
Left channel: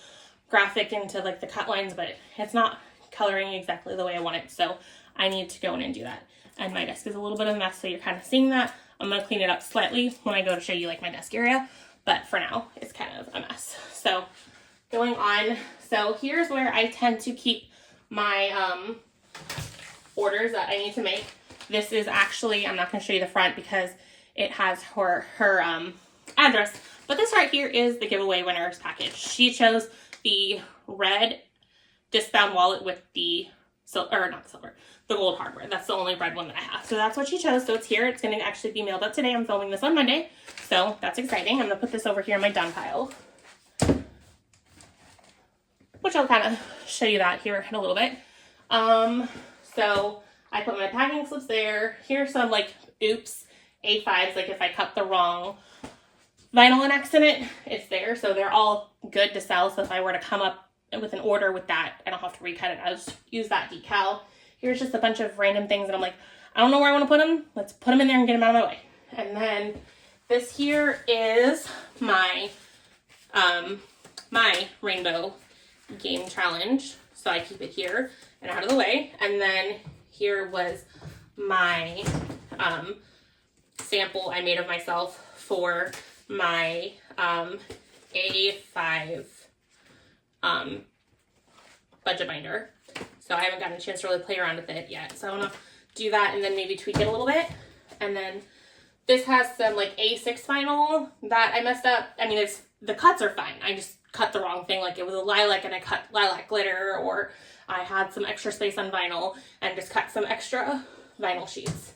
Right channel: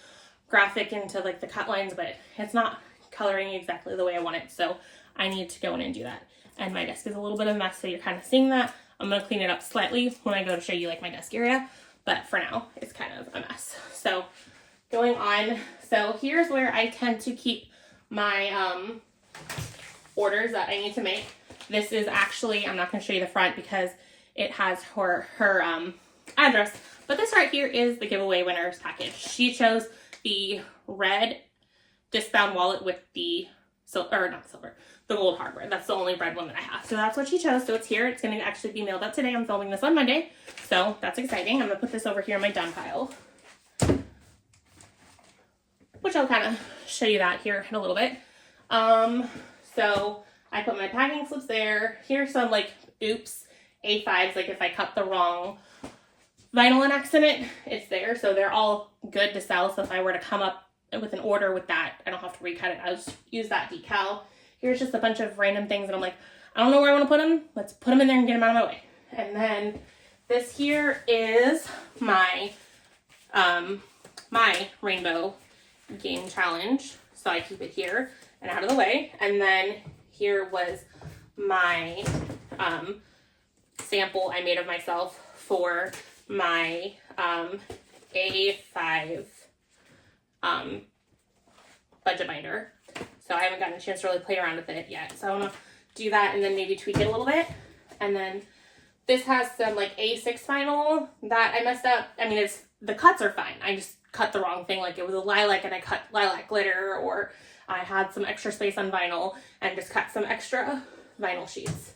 graphic into like the cut lines, but it's not coloring exactly the way I want it, so I need to go in and do that. And my desk is a little bit of a mess, so you're kind of seeing that. I'm going to clean it up slightly when I go to show you like my desk area, but for now it's kind of a mess. So going on, so here's where I tend to keep my orders that I need to make. This is actually, I'm not going to show you the front because it has her address. But this right here is the giveaway winner's package. She chose the red disc-bound wallet with the the gold hardware. That's the only red one that I have. So that's what she chose. So it's here. It's going to actually be mailed out today. I'm filming this on Monday. So that's exciting. I'm going to put this over here in my done pile, which I'll kind of show you that here in a little bit. So I put my packing slips there. Here's some like oops A5s, like if I cut the wrong vinyl on accident, it's there. So they're all good to sell. So if I were to come up with an order with that, I don't have to recut it. I'll just use that decal. Here's just a bunch of random things and I'm like, I don't know where I want to put them. Let's put them in there and get them out of my way. And then this here is my my rainbow game challenge. So I keep it here and out of the way. And then here was my sample I made of myself for my A5 budget binder. So I haven't gotten a chance to really play around with it yet. So I want to do that and then maybe tweak it a little bit. And then this has some like A6 vinyl that I messed up. I mean, the cuts are fine. I just cut the wrong thing. Like it was a lilac and I cut lilac glitter, or I had some extra space on vinyl and just cut some extra vinyl sheets.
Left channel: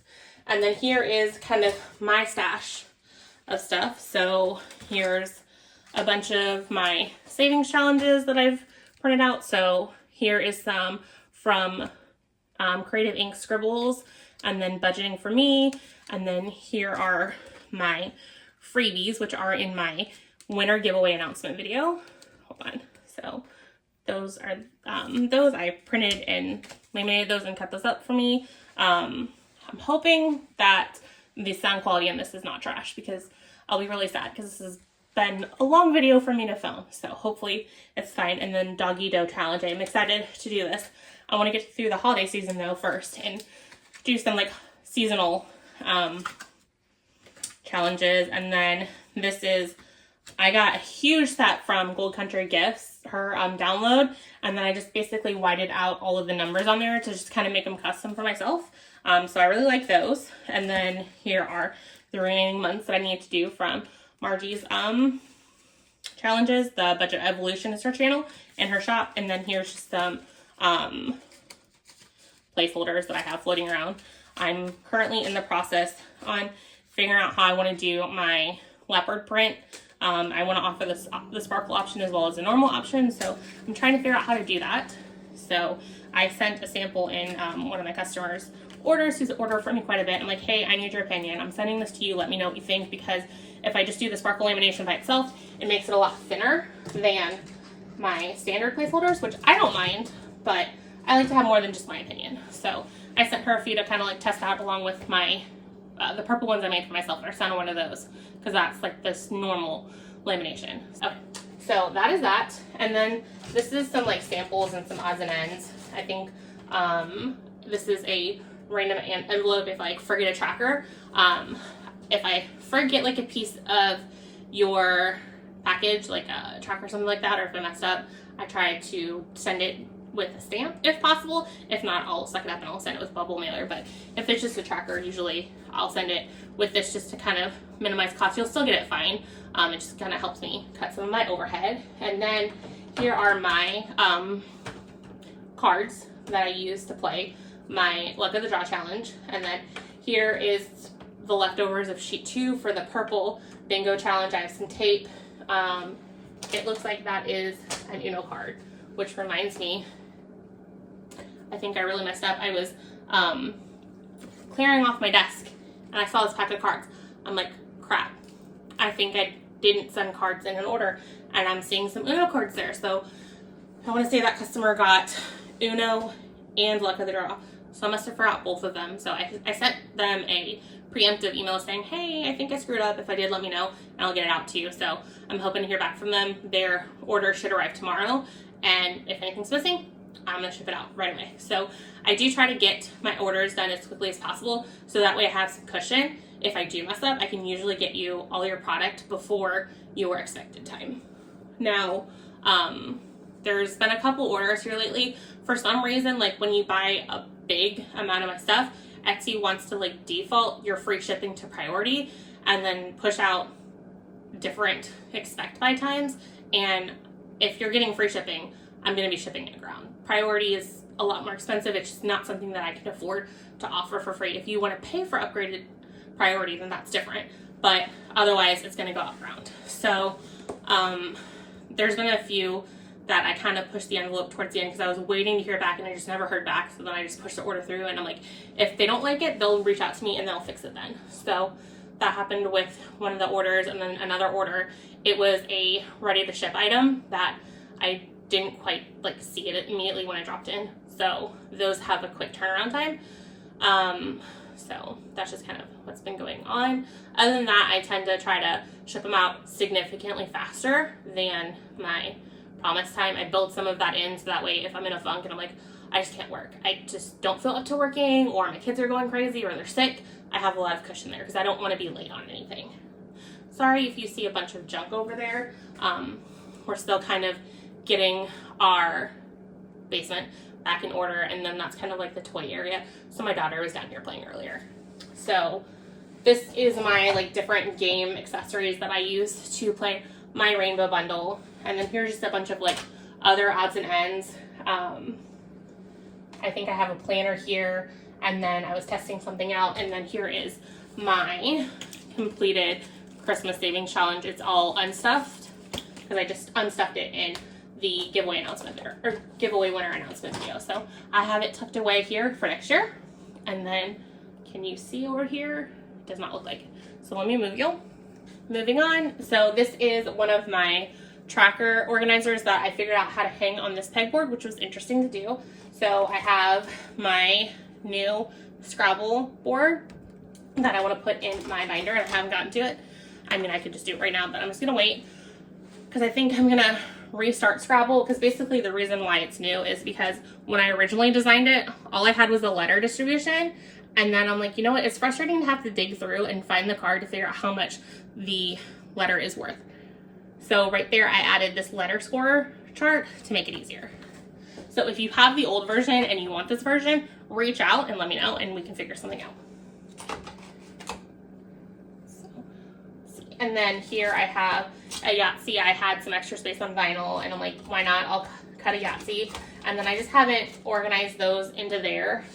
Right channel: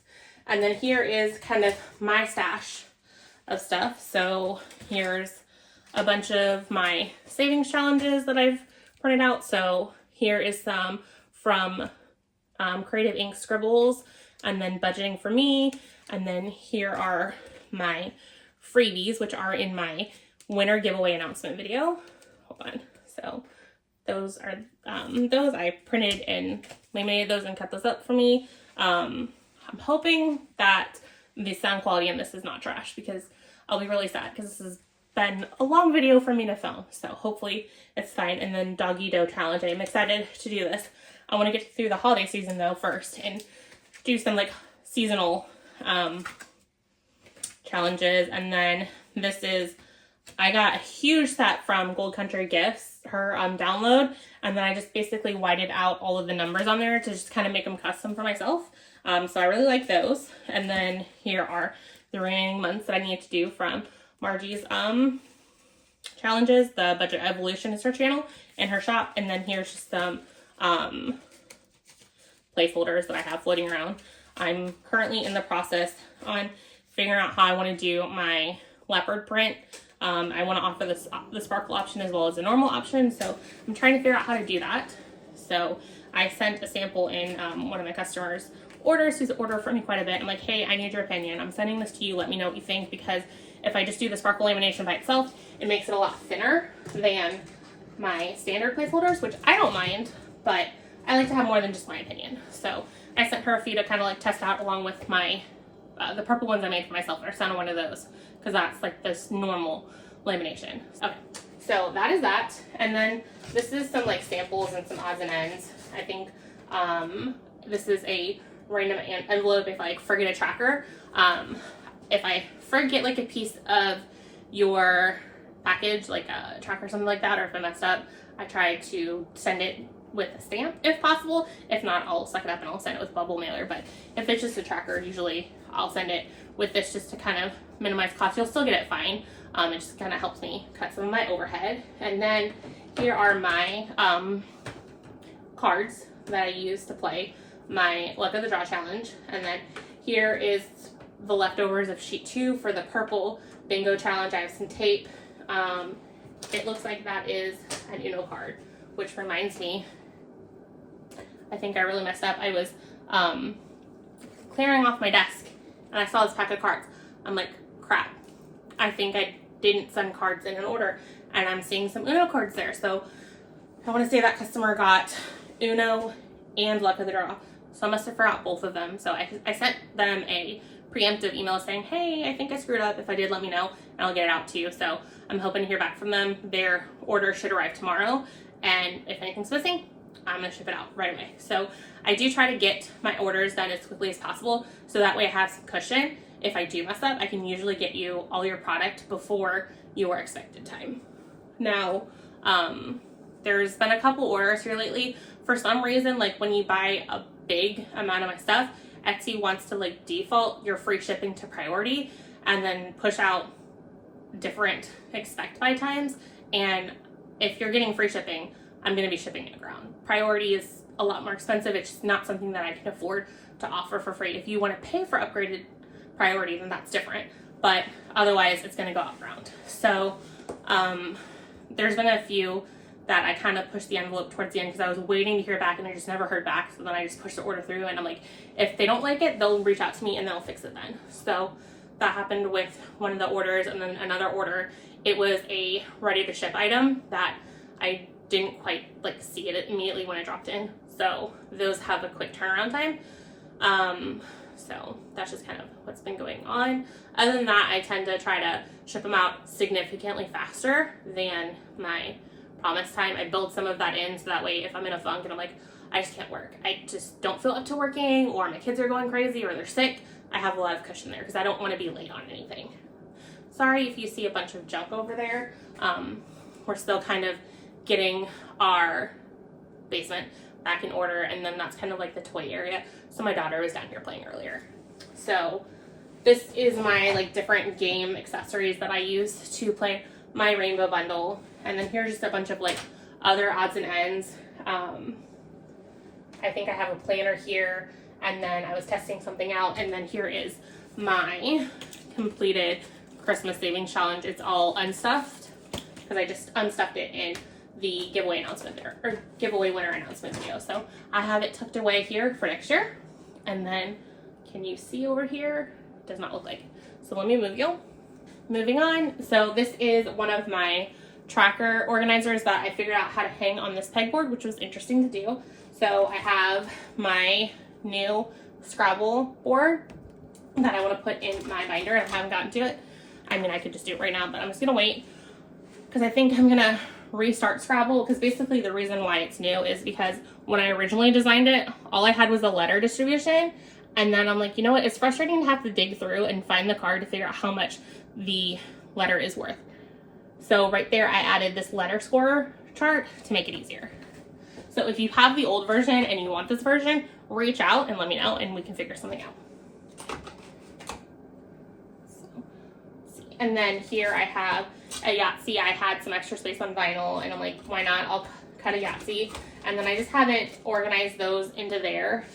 And then here is kind of my stash of stuff. So here's a bunch of my savings challenges that I've printed out. So here is some from Creative Ink Scribbles, and then Budgeting for Me. And then here are my freebies, which are in my winner giveaway announcement video. Hold on. So those are those I printed and laminated those and cut those up for me. I'm hoping that the sound quality in this is not trash, because I'll be really sad because this has been a long video for me to film. So hopefully it's fine. And then Doggy Dough Challenge. I'm excited to do this. I want to get through the holiday season though first and do some like seasonal challenges. And then this is, I got a huge set from Gold Country Gifts, her download, and then I just basically whited out all of the numbers on there to just kind of make them custom for myself. So I really like those. And then here are the remaining months that I need to do from Margie's challenges. The Budget Evolution is her channel and her shop. And then here's just some placeholders that I have floating around. I'm currently in the process on figuring out how I want to do my leopard print. I want to offer the sparkle option as well as the normal option. So I'm trying to figure out how to do that. So I sent a sample in one of my customers' orders, who's ordered from me quite a bit. I'm like, hey, I need your opinion. I'm sending this to you. Let me know what you think, because if I just do the sparkle lamination by itself, it makes it a lot thinner than my standard placeholders, which I don't mind, but I like to have more than just my opinion. So I sent her a few to kind of like test out, along with my the purple ones I made for myself. I sent one of those because that's like this normal lamination. Okay, so that is that. And then this is some like samples and some odds and ends. I think this is a random envelope if I forget a tracker. If I forget like a piece of your package, like a tracker or something like that, or if I messed up, I try to send it with a stamp if possible. If not, I'll suck it up and I'll send it with bubble mailer. But if it's just a tracker, usually I'll send it with this just to kind of minimize cost. You'll still get it fine. It just kind of helps me cut some of my overhead. And then here are my cards that I use to play my Luck of the Draw challenge. And then here is the leftovers of sheet 2 for the purple bingo challenge. I have some tape. It looks like that is an Uno card, which reminds me, I think I really messed up. I was clearing off my desk and I saw this pack of cards. I'm like, crap, I think I didn't send cards in an order, and I'm seeing some Uno cards there. So I want to say that customer got Uno and Luck of the Draw. So I must have forgot both of them. So I sent them a preemptive email saying, hey, I think I screwed up. If I did, let me know and I'll get it out to you. So I'm hoping to hear back from them. Their order should arrive tomorrow. And if anything's missing, I'm gonna ship it out right away. So I do try to get my orders done as quickly as possible, so that way I have some cushion. If I do mess up, I can usually get you all your product before your expected time. Now, there's been a couple orders here lately. For some reason, like when you buy a big amount of my stuff, Etsy wants to like default your free shipping to priority and then push out different expect buy times, and if you're getting free shipping, I'm going to be shipping it ground. Priority is a lot more expensive. It's just not something that I can afford to offer for free. If you want to pay for upgraded priority, then that's different, but otherwise it's going to go up ground. So there's been a few that I kind of pushed the envelope towards the end because I was waiting to hear back and I just never heard back. So then I just pushed the order through, and I'm like, if they don't like it, they'll reach out to me and they'll fix it then. So that happened with one of the orders, and then another order, it was a ready to ship item that I didn't quite like see it immediately when I dropped in. So those have a quick turnaround time. So that's just kind of what's been going on. Other than that, I tend to try to ship them out significantly faster than my promise time. I build some of that in so that way if I'm in a funk and I'm like, I just can't work, I just don't feel up to working, or my kids are going crazy or they're sick, I have a lot of cushion there because I don't want to be late on anything. Sorry if you see a bunch of junk over there. We're still kind of getting our basement back in order, and then that's kind of like the toy area. So my daughter was down here playing earlier. So this is my like different game accessories that I use to play my rainbow bundle. And then here's just a bunch of like other odds and ends. I think I have a planner here, and then I was testing something out, and then here is my completed Christmas savings challenge. It's all unstuffed because I just unstuffed it in the giveaway announcement there, or giveaway winner announcement video. So I have it tucked away here for next year. And then can you see over here? It does not look like it. So let me move you. Moving on. So this is one of my tracker organizers that I figured out how to hang on this pegboard, which was interesting to do. So I have my new Scrabble board that I want to put in my binder, and I haven't gotten to it. I mean, I could just do it right now, but I'm just gonna wait because I think I'm gonna restart Scrabble, because basically the reason why it's new is because when I originally designed it, all I had was a letter distribution, and then I'm like, you know what, it's frustrating to have to dig through and find the card to figure out how much the letter is worth. So right there I added this letter score chart to make it easier. So if you have the old version and you want this version, reach out and let me know and we can figure something out. So, let's see. And then here I have a Yahtzee. I had some extra space on vinyl and I'm like, why not? I'll cut a Yahtzee. And then I just haven't organized those into there.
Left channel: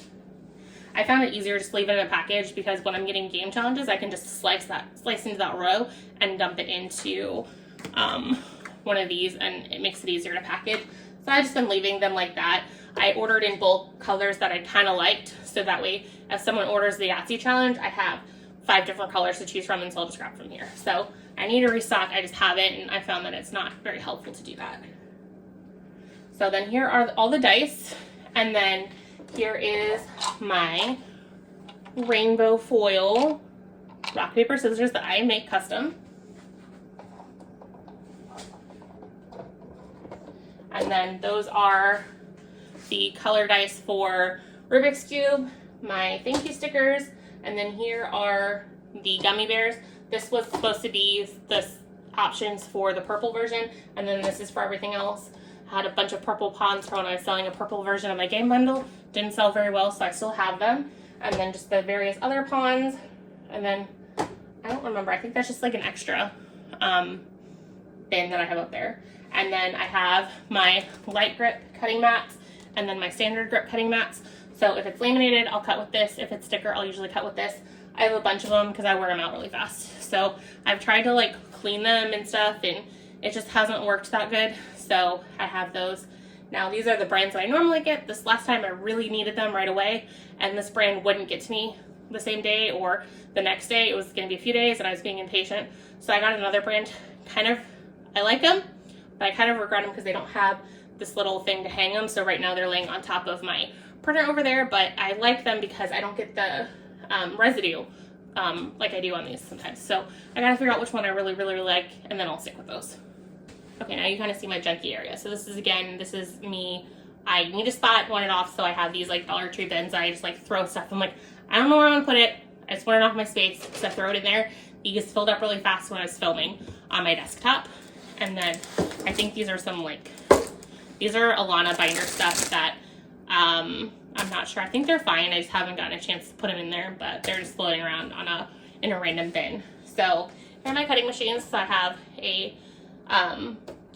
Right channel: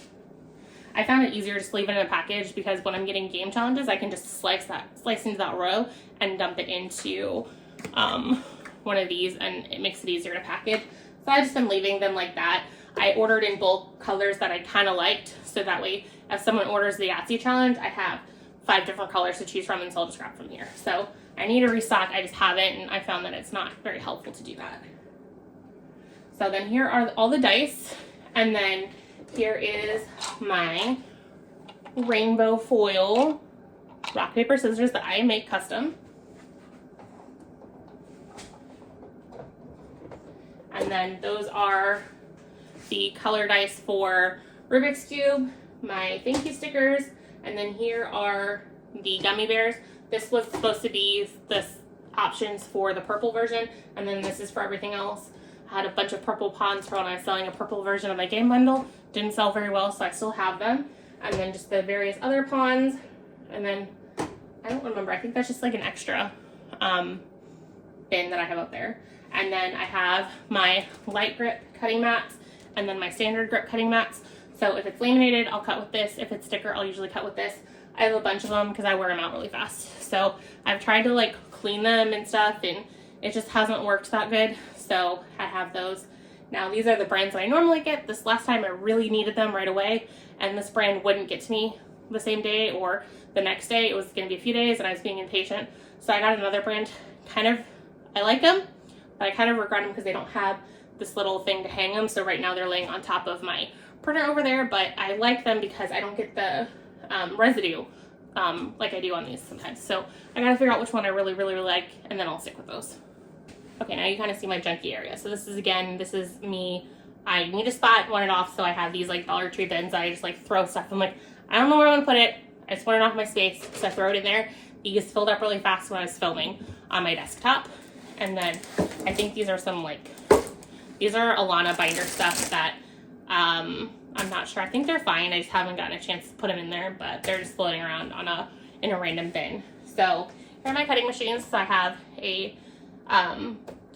I found it easier just leave it in a package, because when I'm getting game challenges, I can just slice into that row and dump it into one of these, and it makes it easier to package. So I just been leaving them like that. I ordered in bulk colors that I kind of liked, so that way if someone orders the Yahtzee challenge, I have 5 different colors to choose from, and so I'll just grab from here. So I need to restock, I just haven't, and I found that it's not very helpful to do that. So then here are all the dice, and then here is my rainbow foil rock, paper, scissors that I make custom. And then those are the color dice for Rubik's Cube, my thank you stickers, and then here are the gummy bears. This was supposed to be the options for the purple version, and then this is for everything else. I had a bunch of purple pawns for when I was selling a purple version of my game bundle. Didn't sell very well, so I still have them. And then just the various other pawns. And then, I don't remember, I think that's just like an extra bin that I have up there. And then I have my light grip cutting mats, and then my standard grip cutting mats. So if it's laminated, I'll cut with this. If it's sticker, I'll usually cut with this. I have a bunch of them because I wear them out really fast. So I've tried to like clean them and stuff, and it just hasn't worked that good. So I have those. Now these are the brands that I normally get. This last time I really needed them right away, and this brand wouldn't get to me the same day or the next day. It was going to be a few days, and I was being impatient. So I got another brand. I like them, but I kind of regret them because they don't have this little thing to hang them. So right now they're laying on top of my printer over there, but I like them because I don't get the residue like I do on these sometimes. So I gotta figure out which one I really, really like, and then I'll stick with those. Okay, now you kind of see my junky area. So this is me. I need a spot, want it off, so I have these like Dollar Tree bins. I just like throw stuff. I'm like, I don't know where I want to put it. I just want it off my space, so I throw it in there. These filled up really fast when I was filming on my desktop. And then I think these are these are Alana binder stuff that I'm not sure. I think they're fine. I just haven't gotten a chance to put them in there, but they're just floating around in a random bin. So and my cutting machines. So I have a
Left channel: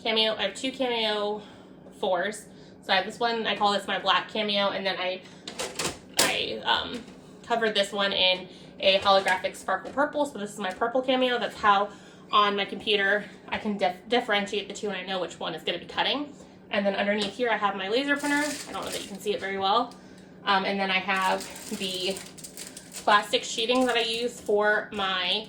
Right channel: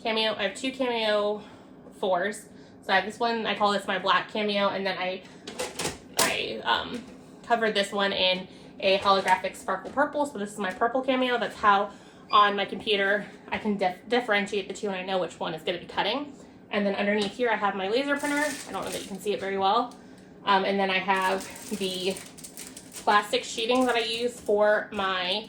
Cameo. I have two Cameo 4s. So I have this one, I call this my black Cameo, and then I covered this one in a holographic sparkle purple. So this is my purple Cameo. That's how on my computer I can differentiate the two, and I know which one is going to be cutting. And then underneath here I have my laser printer. I don't know that you can see it very well. And then I have the plastic sheeting that I use for my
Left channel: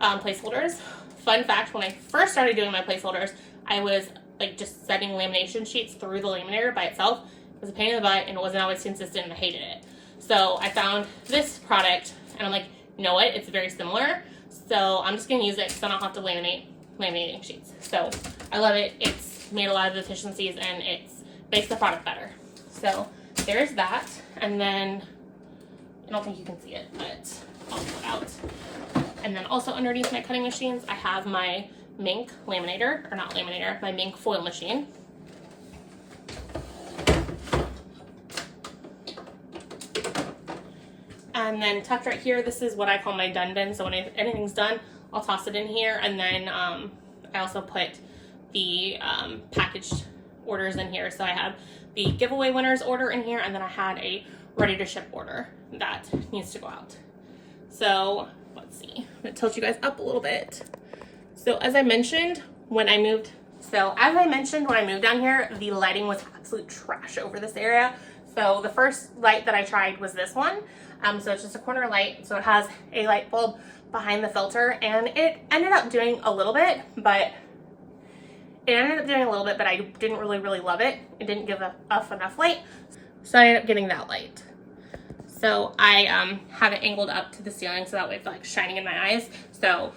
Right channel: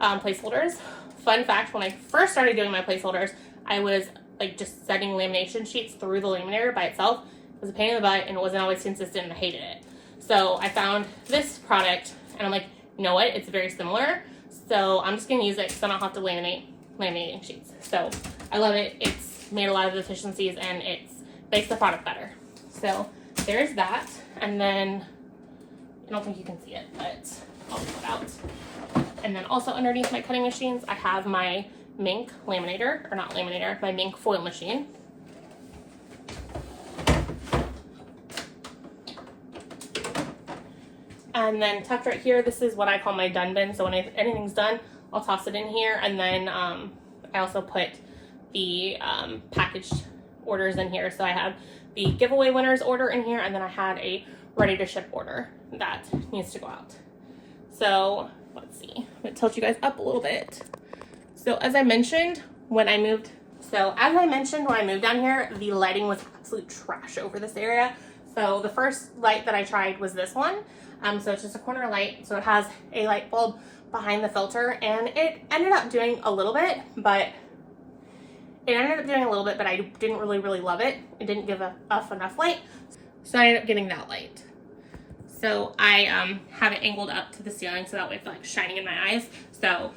placeholders. Fun fact, when I first started doing my placeholders, I was like just setting lamination sheets through the laminator by itself. It was a pain in the butt and it wasn't always consistent and I hated it. So I found this product and I'm like, you know what, it's very similar. So I'm just gonna use it because I don't have to laminating sheets. So I love it. It's made a lot of efficiencies and it's makes the product better. So there's that. And then, I don't think you can see it, but I'll pull it out. And then also underneath my cutting machines, I have my Mink laminator, or not laminator, my Mink foil machine. And then tucked right here, this is what I call my done bin. So when anything's done, I'll toss it in here. And then I also put the packaged orders in here. So I have the giveaway winners order in here, and then I had a ready to ship order that needs to go out. So let's see, I'm gonna tilt you guys up a little bit. So as I mentioned when I moved down here, the lighting was absolute trash over this area. So the first light that I tried was this one. So it's just a corner light. So it has a light bulb behind the filter, and it ended up doing a little bit, but I didn't really love it. It didn't give enough light. So I ended up getting that light. So I have it angled up to the ceiling so that way it's like shining in my eyes. So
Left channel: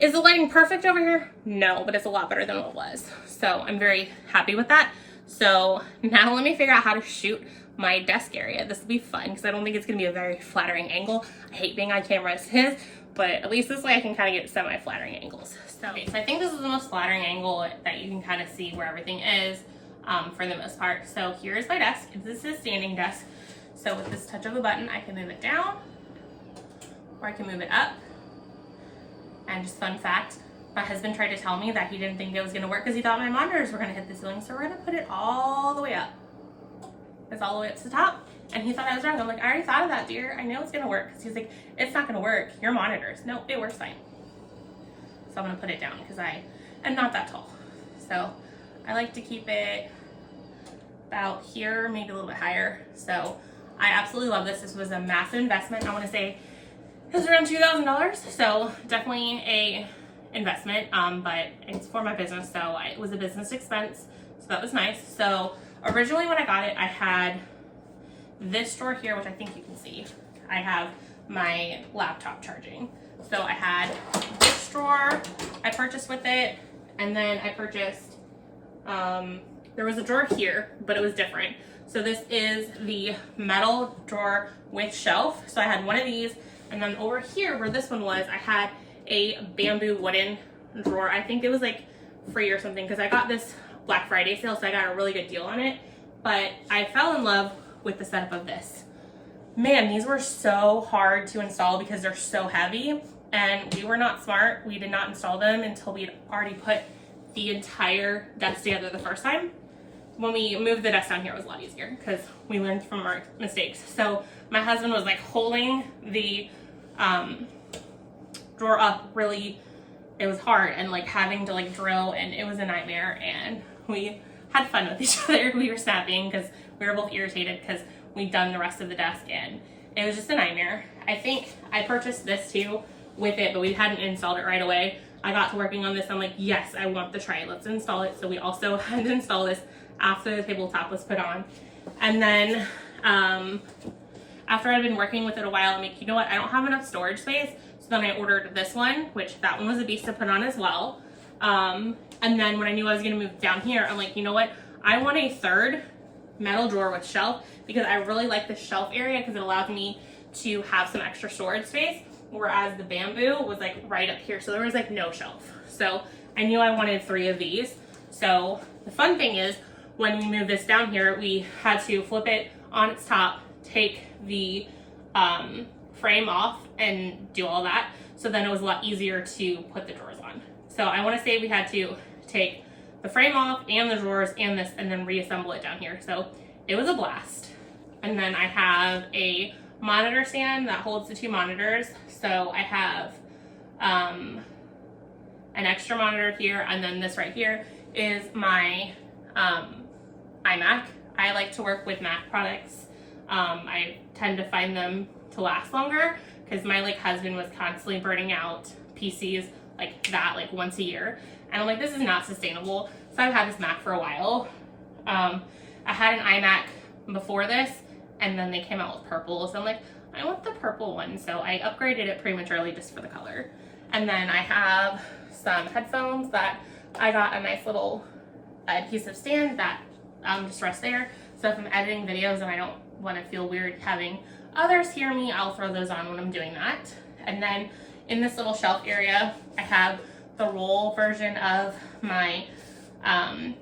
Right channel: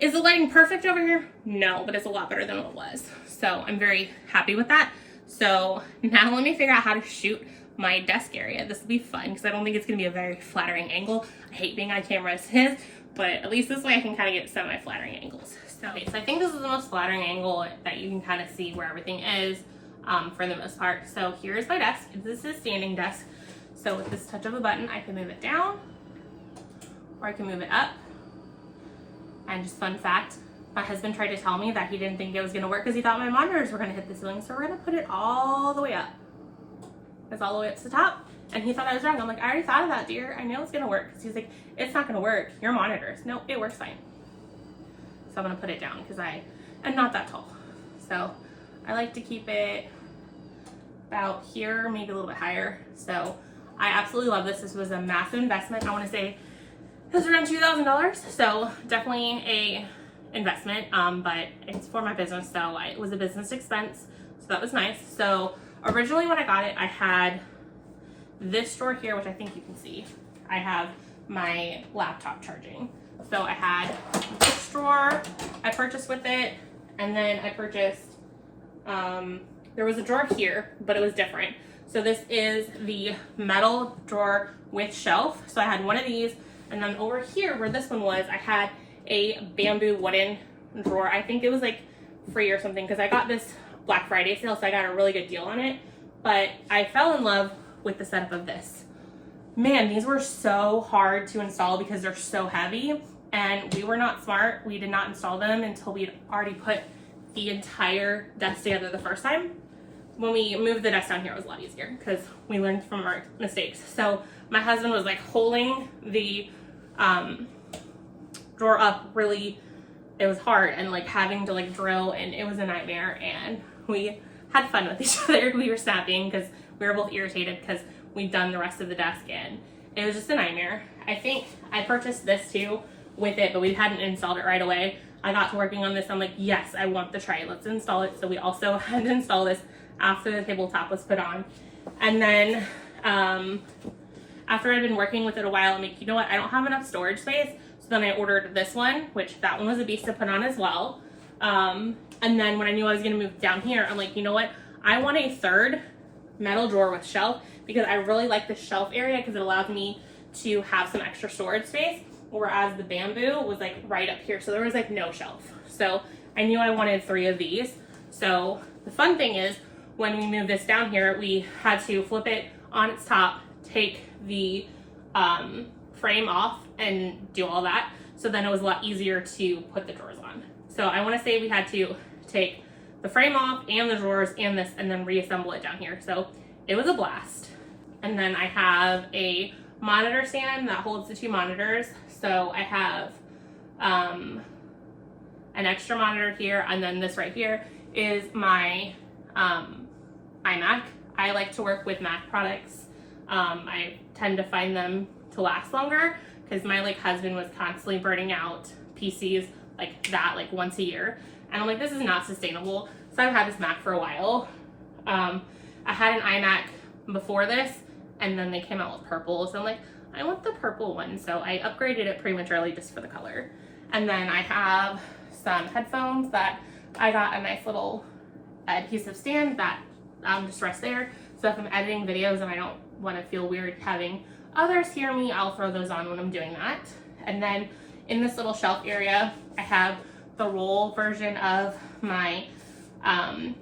is the lighting perfect over here? No, but it's a lot better than what it was. So I'm very happy with that. So now let me figure out how to shoot my desk area. This will be fun because I don't think it's gonna be a very flattering angle. I hate being on camera as it is, but at least this way I can kind of get semi-flattering angles. So I think this is the most flattering angle that you can kind of see where everything is for the most part. So here's my desk. This is a standing desk. So with this touch of a button, I can move it down or I can move it up. And just fun fact, my husband tried to tell me that he didn't think it was gonna work because he thought my monitors were gonna hit the ceiling. So we're gonna put it all the way up. It's all the way up to the top. And he thought I was wrong. I'm like, I already thought of that, dear. I know it's gonna work. He's like, it's not gonna work. Your monitors. No, it works fine. So I'm gonna put it down because I am not that tall. So I like to keep it about here, maybe a little bit higher. So I absolutely love this. This was a massive investment. I wanna say it was around $2,000. So definitely a investment, but it's for my business. So it was a business expense. So that was nice. So originally when I got it, I had this drawer here, which I think you can see. I have my laptop charging. So I had this drawer I purchased with it, and then I purchased, there was a drawer here, but it was different. So this is the metal drawer with shelf. So I had one of these, and then over here where this one was, I had a bamboo wooden drawer. I think it was like free or something because I got this Black Friday sale, so I got a really good deal on it. But I fell in love with the setup of this. Man, these were so hard to install because they're so heavy, and we were not smart. We did not install them until we had already put the entire desk together the first time. When we moved the desk down here, it was a lot easier because we learned from our mistakes. So my husband was like holding the drawer up really, it was hard, and like having to like drill, and it was a nightmare, and we had fun with each other. We were snapping because we were both irritated because we'd done the rest of the desk and it was just a nightmare. I think I purchased this too with it, but we hadn't installed it right away. I got to working on this. I'm like, yes, I want the tray. Let's install it. So we also had to install this after the tabletop was put on. And then after I'd been working with it a while, I'm like, you know what? I don't have enough storage space. So then I ordered this one, which that one was a beast to put on as well. And then when I knew I was gonna move down here, I'm like, you know what? I want a third metal drawer with shelf because I really like the shelf area because it allows me to have some extra storage space, whereas the bamboo was like right up here. So there was like no shelf. So I knew I wanted 3 of these. So the fun thing is when we moved this down here, we had to flip it on its top, take the frame off and do all that. So then it was a lot easier to put the drawers on. So I want to say we had to take the frame off and the drawers and this and then reassemble it down here. So it was a blast. And then I have a monitor stand that holds the 2 monitors. So I have an extra monitor here, and then this right here is my iMac. I like to work with Mac products. I tend to find them to last longer because my like husband was constantly burning out PCs like that like once a year, and I'm like, this is not sustainable. So I've had this Mac for a while. I had an iMac before this, and then they came out with purple, so I'm like, I want the purple one, so I upgraded it prematurely just for the color. And then I have some headphones that I got a nice little adhesive stand that just rests there. So if I'm editing videos and I don't want to feel weird having others hear me, I'll throw those on when I'm doing that. And then in this little shelf area, I have the roll version of my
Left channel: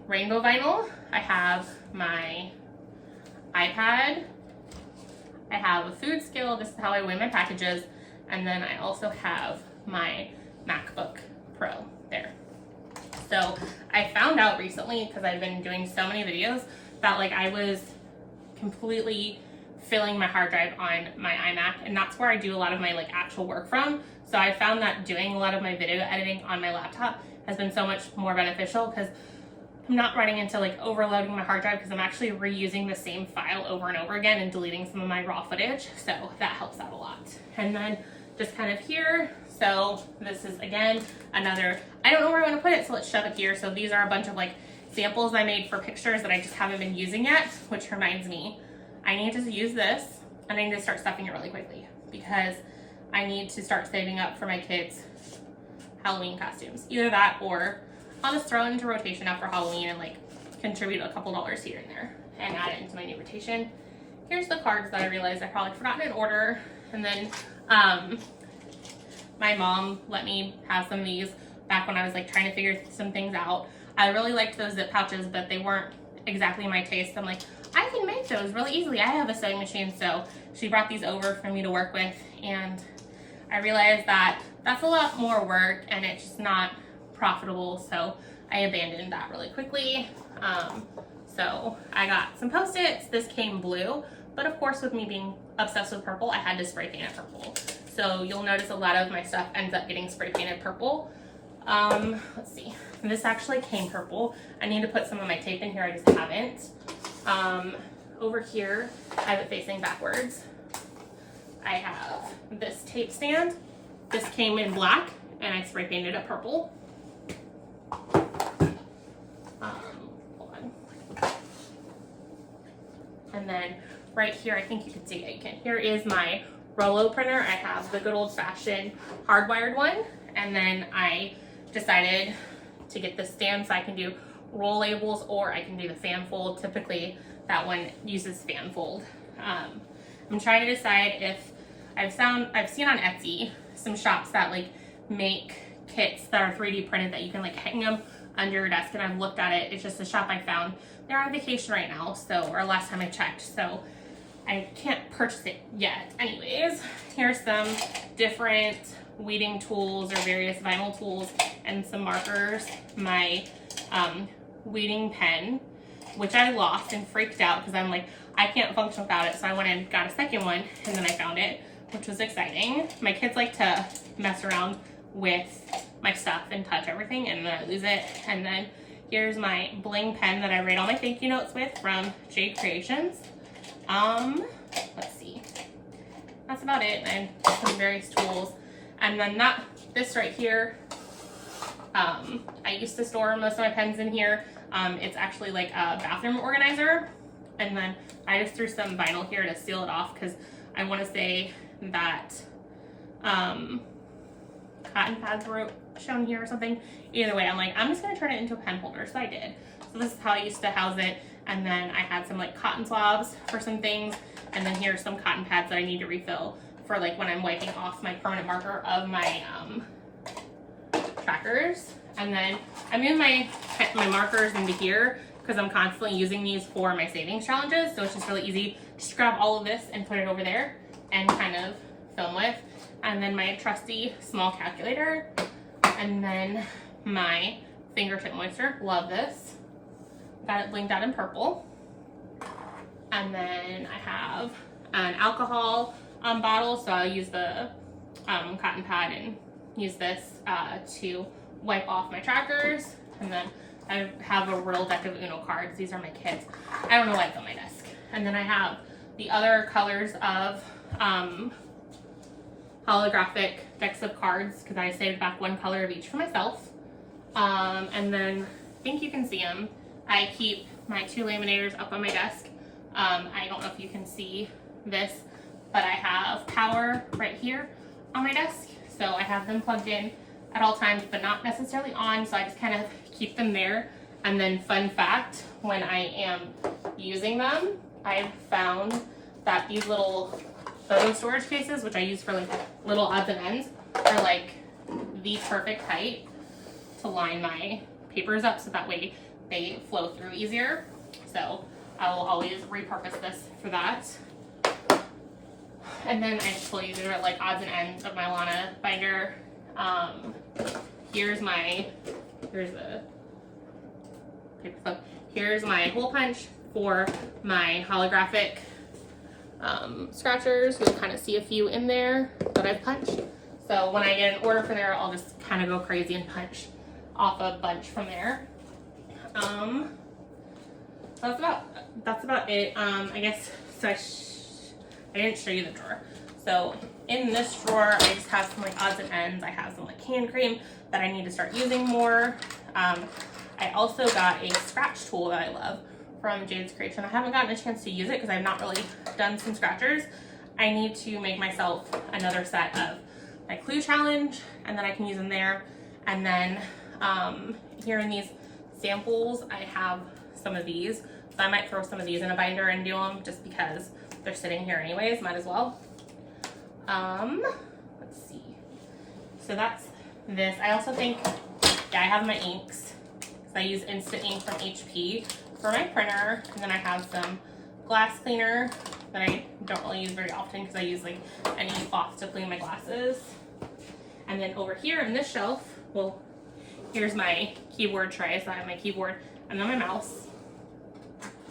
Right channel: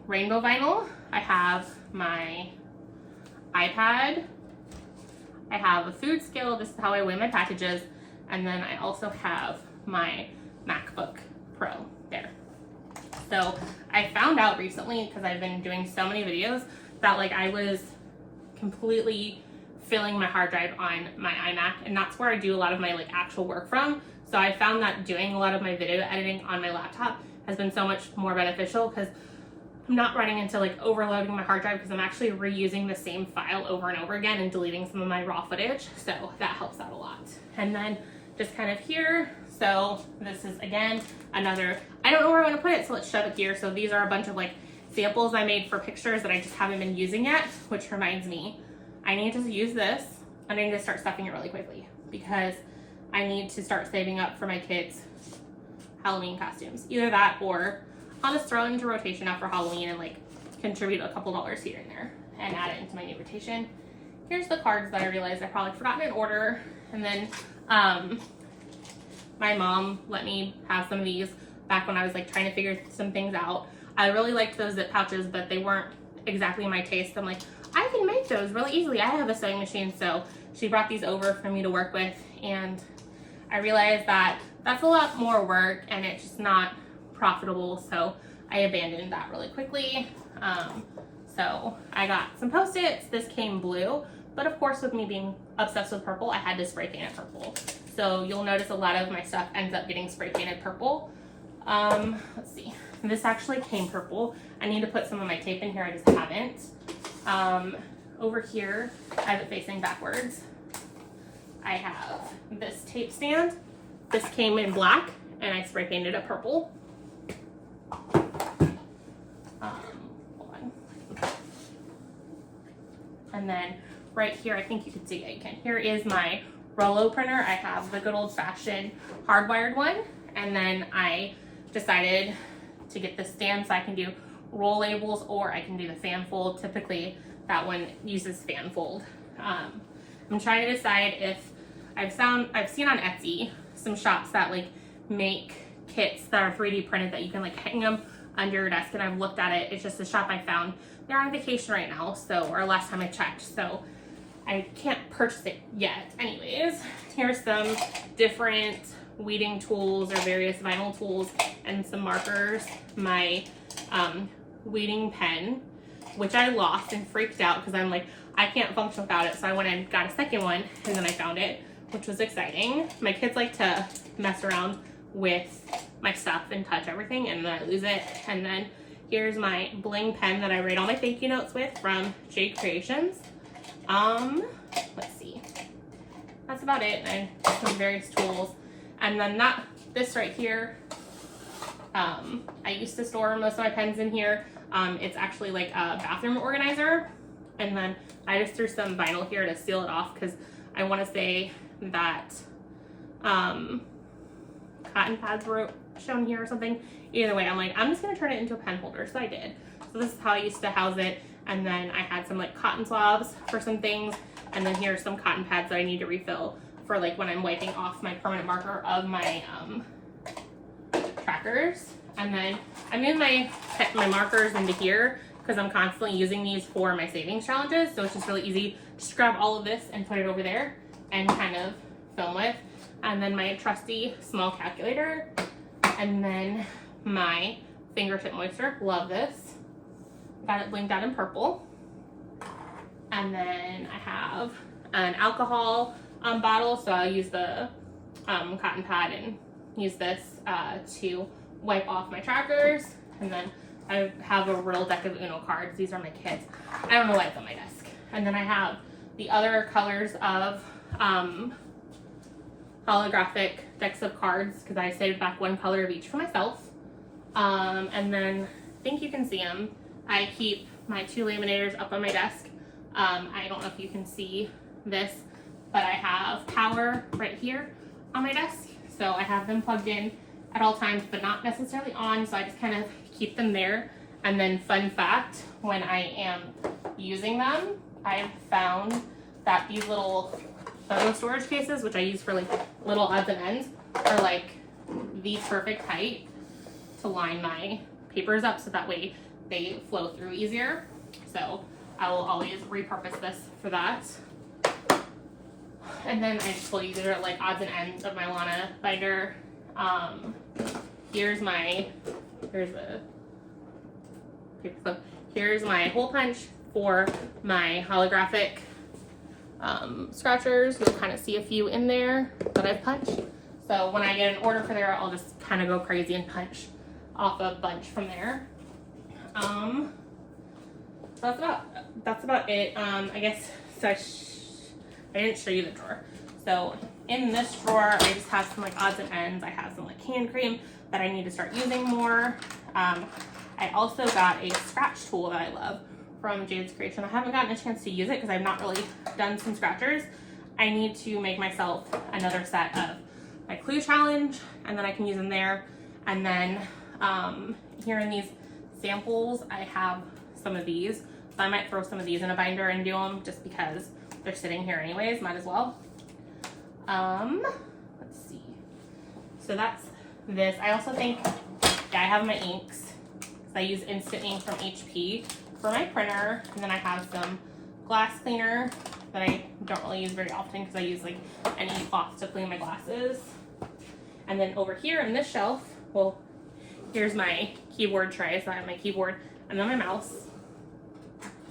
rainbow vinyl. I have my iPad. I have a food scale. This is how I weigh my packages. And then I also have my MacBook Pro there. So I found out recently, because I've been doing so many videos, that like I was completely filling my hard drive on my iMac, and that's where I do a lot of my like actual work from. So I found that doing a lot of my video editing on my laptop has been so much more beneficial, because I'm not running into like overloading my hard drive, because I'm actually reusing the same file over and over again and deleting some of my raw footage. So that helps out a lot. And then just kind of here, so this is again another, I don't know where I want to put it, so let's shove it here. So these are a bunch of like samples I made for pictures that I just haven't been using yet, which reminds me, I need to use this and I need to start stuffing it really quickly, because I need to start saving up for my kids' Halloween costumes. Either that, or I'll just throw it into rotation after Halloween and like contribute a couple dollars here and there and add it into my new rotation. Here's the cards that I realized I probably forgot in order. And then my mom let me have some of these back when I was like trying to figure some things out. I really liked those zip pouches, but they weren't exactly my taste. I'm like, I can make those really easily. I have a sewing machine, so she brought these over for me to work with, and I realized that that's a lot more work and it's just not profitable, so I abandoned that really quickly. So I got some Post-its. This came blue, but of course with me being obsessed with purple, I had to spray paint it purple. So you'll notice a lot of my stuff ends up getting spray painted purple. Let's see, this actually came purple. I need to put some of my tape in here, I just haven't. Over here, I have it facing backwards. I have this tape stand. This came in black and I spray painted it purple. Hold on. And then right here, I think you can see it, you can. Here is my Rollo printer. I have the good old fashioned hardwired one. And then I decided to get this stand so I can do roll labels, or I can do the fan fold. Typically that one uses fan fold. I'm trying to decide if I've seen on Etsy some shops that like make kits that are 3D printed that you can like hang them under your desk, and I've looked at it. It's just a shop I found. They're on vacation right now, so, or last time I checked, so I can't purchase it yet. Anyways, here's some different weeding tools or various vinyl tools and some markers. My weeding pen, which I lost and freaked out because I'm like, I can't function without it. So I went and got a second one, and then I found it, which was exciting. My kids like to mess around with my stuff and touch everything, and then I lose it. And then here's my bling pen that I write all my thank you notes with from Jade Creations. Let's see, that's about it. And some various tools. And then this right here, I used to store most of my pens in here. It's actually like a bathroom organizer. And then I just threw some vinyl here to seal it off, because I want to say that cotton pads were shown here or something. Either way, I'm like, I'm just gonna turn it into a pen holder. So I did. So this is how I used to house it. And then I had some like cotton swabs for some things. And then here's some cotton pads that I need to refill for like when I'm wiping off my permanent marker of my trackers. And then I moved my markers into here because I'm constantly using these for my savings challenges. So it's just really easy. Just grab all of this and put it over there and kind of film with. and then my trusty small calculator, and then my fingertip moisture. Love this. Got it blinked out in purple. And then I have an alcohol bottle, so I'll use the cotton pad and use this to wipe off my trackers. And then I have a real deck of Uno cards. These are my kids. I don't know why it's on my desk. And then I have the other colors of holographic decks of cards, because I saved back one color of each for myself. And then I think you can see them. I keep my 2 laminators up on my desk. I don't know if you can see this, but I have power right here on my desk. So I have them plugged in at all times, but not necessarily on. So I just kind of keep them there. And then fun fact, when I am using them, I've found that these little photo storage cases, which I use for like little odds and ends, are like the perfect height to line my papers up, so that way they flow through easier. So I will always repurpose this for that. And then I just will use it at like odds and ends of my Lana binder. Here's the paper clip. Here's my hole punch for my holographic scratchers. You'll kind of see a few in there that I've punched. So when I get an order for there, I'll just kind of go crazy and punch off a bunch from there. So that's about it. I guess, so I didn't show you the drawer. So in this drawer, I just have some like odds and ends. I have some like hand cream that I need to start using more. I also got a scratch tool that I love from Jade's Creation. I haven't gotten a chance to use it because I've not really done some scratchers. I need to make myself another set of my clue challenge, and then I can use them there. And then here in these samples, I have some of these. So I might throw some of these in a binder and do them just because they're sitting here anyways, might as well. Let's see. So that's this. I also think, yeah, I have my inks. So I use Instant Ink from HP for my printer. And then I have some glass cleaner that I don't really use very often because I use like an e-cloth to clean my glasses. And then over here in this shelf, well, here's my keyboard tray. So I have my keyboard and then my mouse.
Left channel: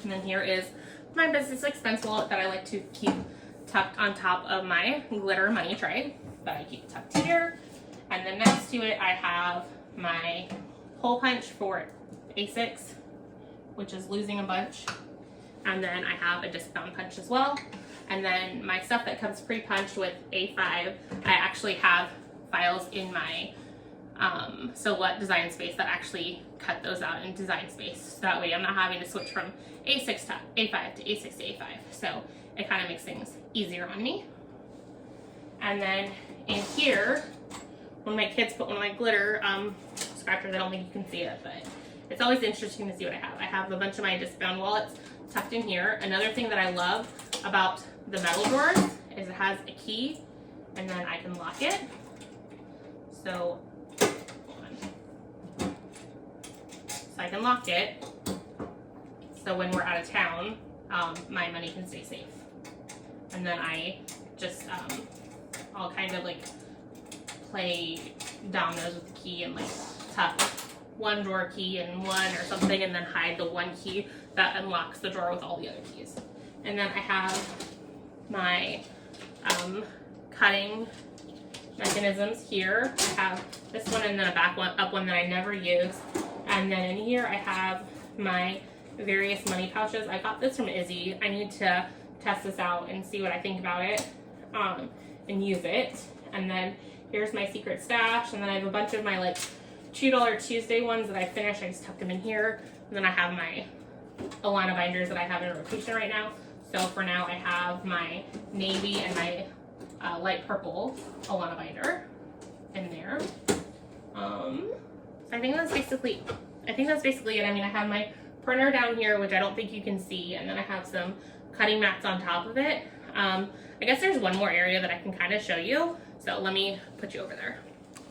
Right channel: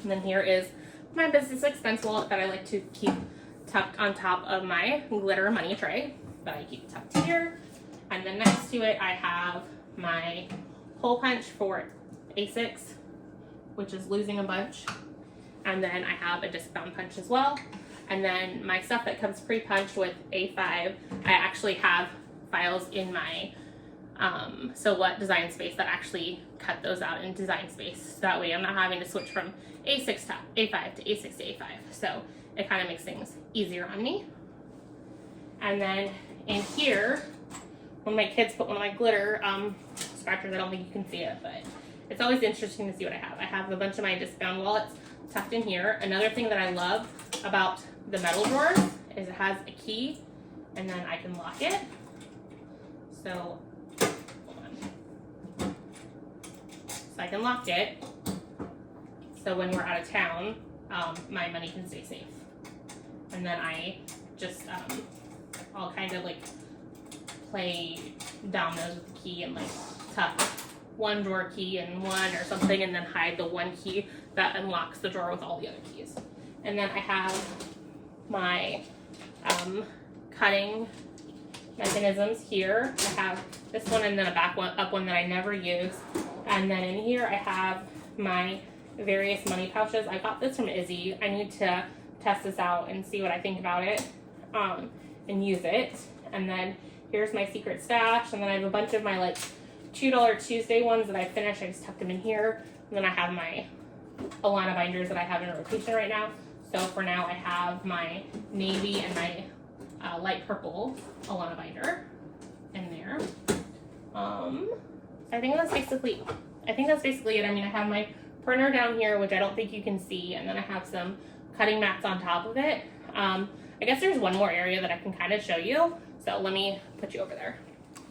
And then here is my business expense wallet that I like to keep tucked on top of my glitter money tray that I keep tucked here. And then next to it, I have my hole punch for A6, which is losing a bunch. And then I have a discount punch as well. And then my stuff that comes pre-punched with A5, I actually have files in my So What Design Space that actually cut those out in Design Space. So that way I'm not having to switch from A6 to A5 to A6 to A5. So it kind of makes things easier on me. And then in here, when my kids put one of my glitter scratchers, I don't think you can see it, but it's always interesting to see what I have. I have a bunch of my discount wallets tucked in here. Another thing that I love about the metal drawer is it has a key, and then I can lock it. So, hold on. So I can lock it. So when we're out of town, my money can stay safe. And then I just, I'll kind of like play dominoes with the key and like tuck one drawer key in one or something, and then hide the one key that unlocks the drawer with all the other keys. And then I have my cutting mechanisms here. I have this one and then a back one, up one that I never use. And then in here I have my various money pouches. I got this from Izzy. I need to test this out and see what I think about it and use it. And then here's my secret stash. And then I have a bunch of my like $2 Tuesday ones that I finished. I just tucked them in here. And then I have my Alana binders that I have in rotation right now. So for now I have my navy and my light purple Alana binder in there. So I think that's basically it. I mean, I have my printer down here, which I don't think you can see, and then I have some cutting mats on top of it. I guess there's one more area that I can kind of show you. So let me put you over there.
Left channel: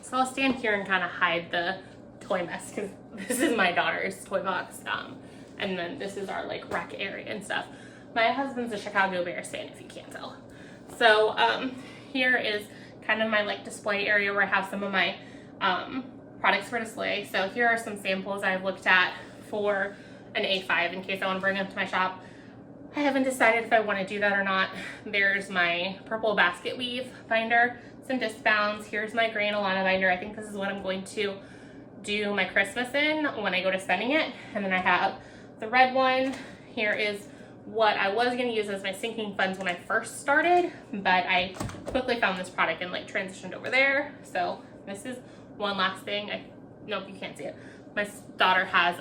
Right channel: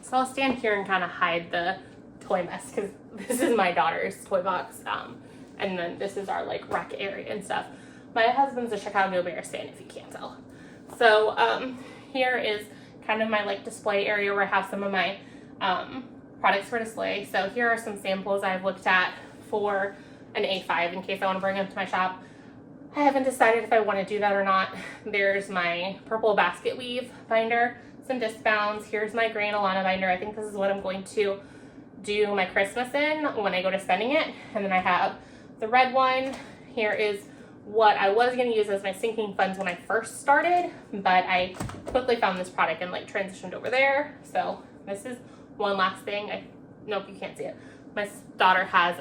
So I'll stand here and kind of hide the toy mess because this is my daughter's toy box. And then this is our like rec area and stuff. My husband's a Chicago Bears fan, if you can't tell. So here is kind of my like display area where I have some of my products for display. So here are some samples I've looked at for an A5 in case I want to bring them to my shop. I haven't decided if I want to do that or not. There's my purple basket weave binder, some disc bounds. Here's my grain Alana binder. I think this is what I'm going to do my Christmas in when I go to spending it. And then I have the red one. Here is what I was going to use as my sinking funds when I first started, but I quickly found this product and like transitioned over there. So this is one last thing. Nope, you can't see it. My daughter has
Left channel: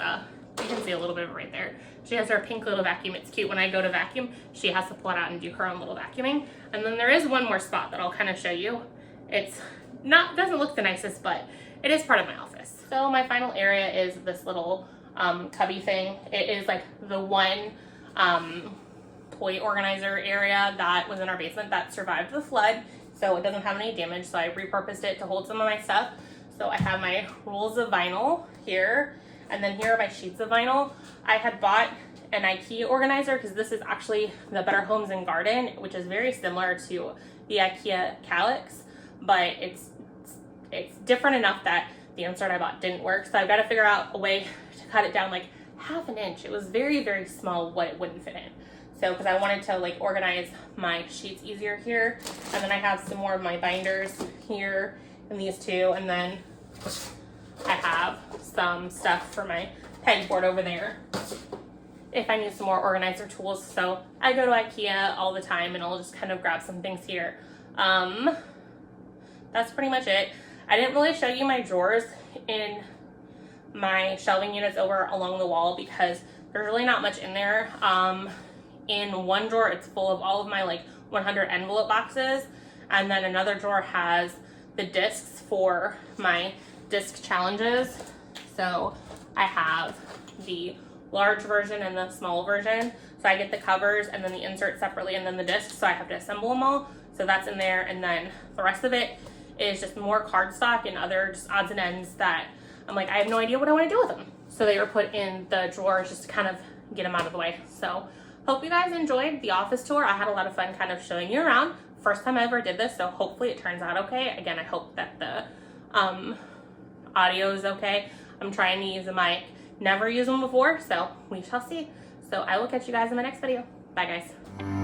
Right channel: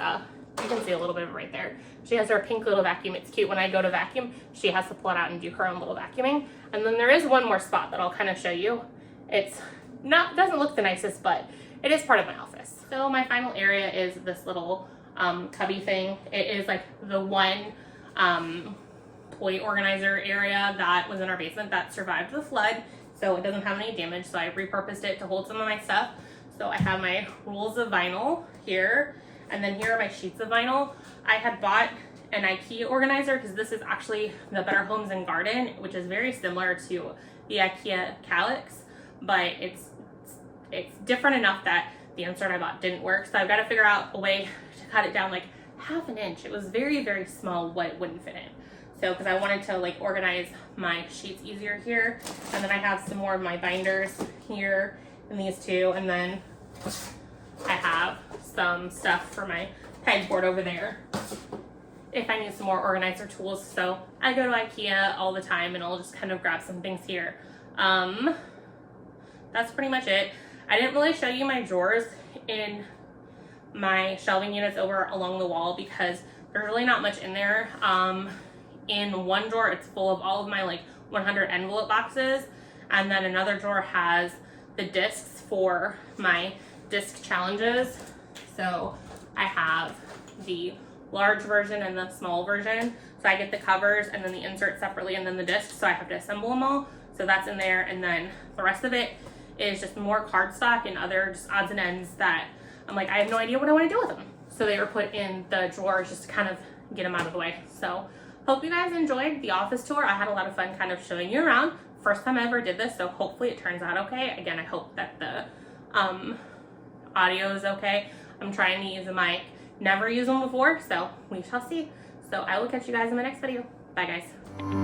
you can see a little bit of it right there. She has her pink little vacuum. It's cute. When I go to vacuum, she has to pull it out and do her own little vacuuming. And then there is one more spot that I'll kind of show you. It's doesn't look the nicest, but it is part of my office. So my final area is this little tubby thing. It is like the one toy organizer area that was in our basement that survived the flood, so it doesn't have any damage, so I repurposed it to hold some of my stuff. So I have my rolls of vinyl here, and then here are my sheets of vinyl. I had bought an IKEA organizer because this is actually the Better Homes and Garden, which is very similar to the IKEA Calyx, but it's different enough that the insert I bought didn't work, so I've got to figure out a way to cut it down like half an inch. It was very, very small what it wouldn't fit in. So, because I wanted to like organize my sheets easier here. And then I have some more of my binders here and these two. And then I have some stuff for my pegboard over there if I need some more organizer tools. So I go to IKEA all the time and I'll just kind of grab some things here. That's pretty much it. I didn't really show you my drawers in my shelving units over along the wall because there's really not much in there. In one drawer, it's full of all of my like 100 envelope boxes, and then another drawer has the discs for my disc challenges. So I have the large version and the small version. So I get the covers and then the insert separately and then the discs, so I have to assemble them all. So that's in there, and then the rest of it is just more cardstock and other just odds and ends that I'm like, I have no idea what I want to do with them. So they were put in the drawers just to kind of get them out of the way. So hope you guys enjoyed the office tour. I had a lot of fun kind of showing you around. First time I ever did this, so hopefully it turns out okay. Again, I hope that the audio is okay. I'm trying to use a mic. Never used one before, so we shall see. So I will catch you guys in my next video. Bye guys.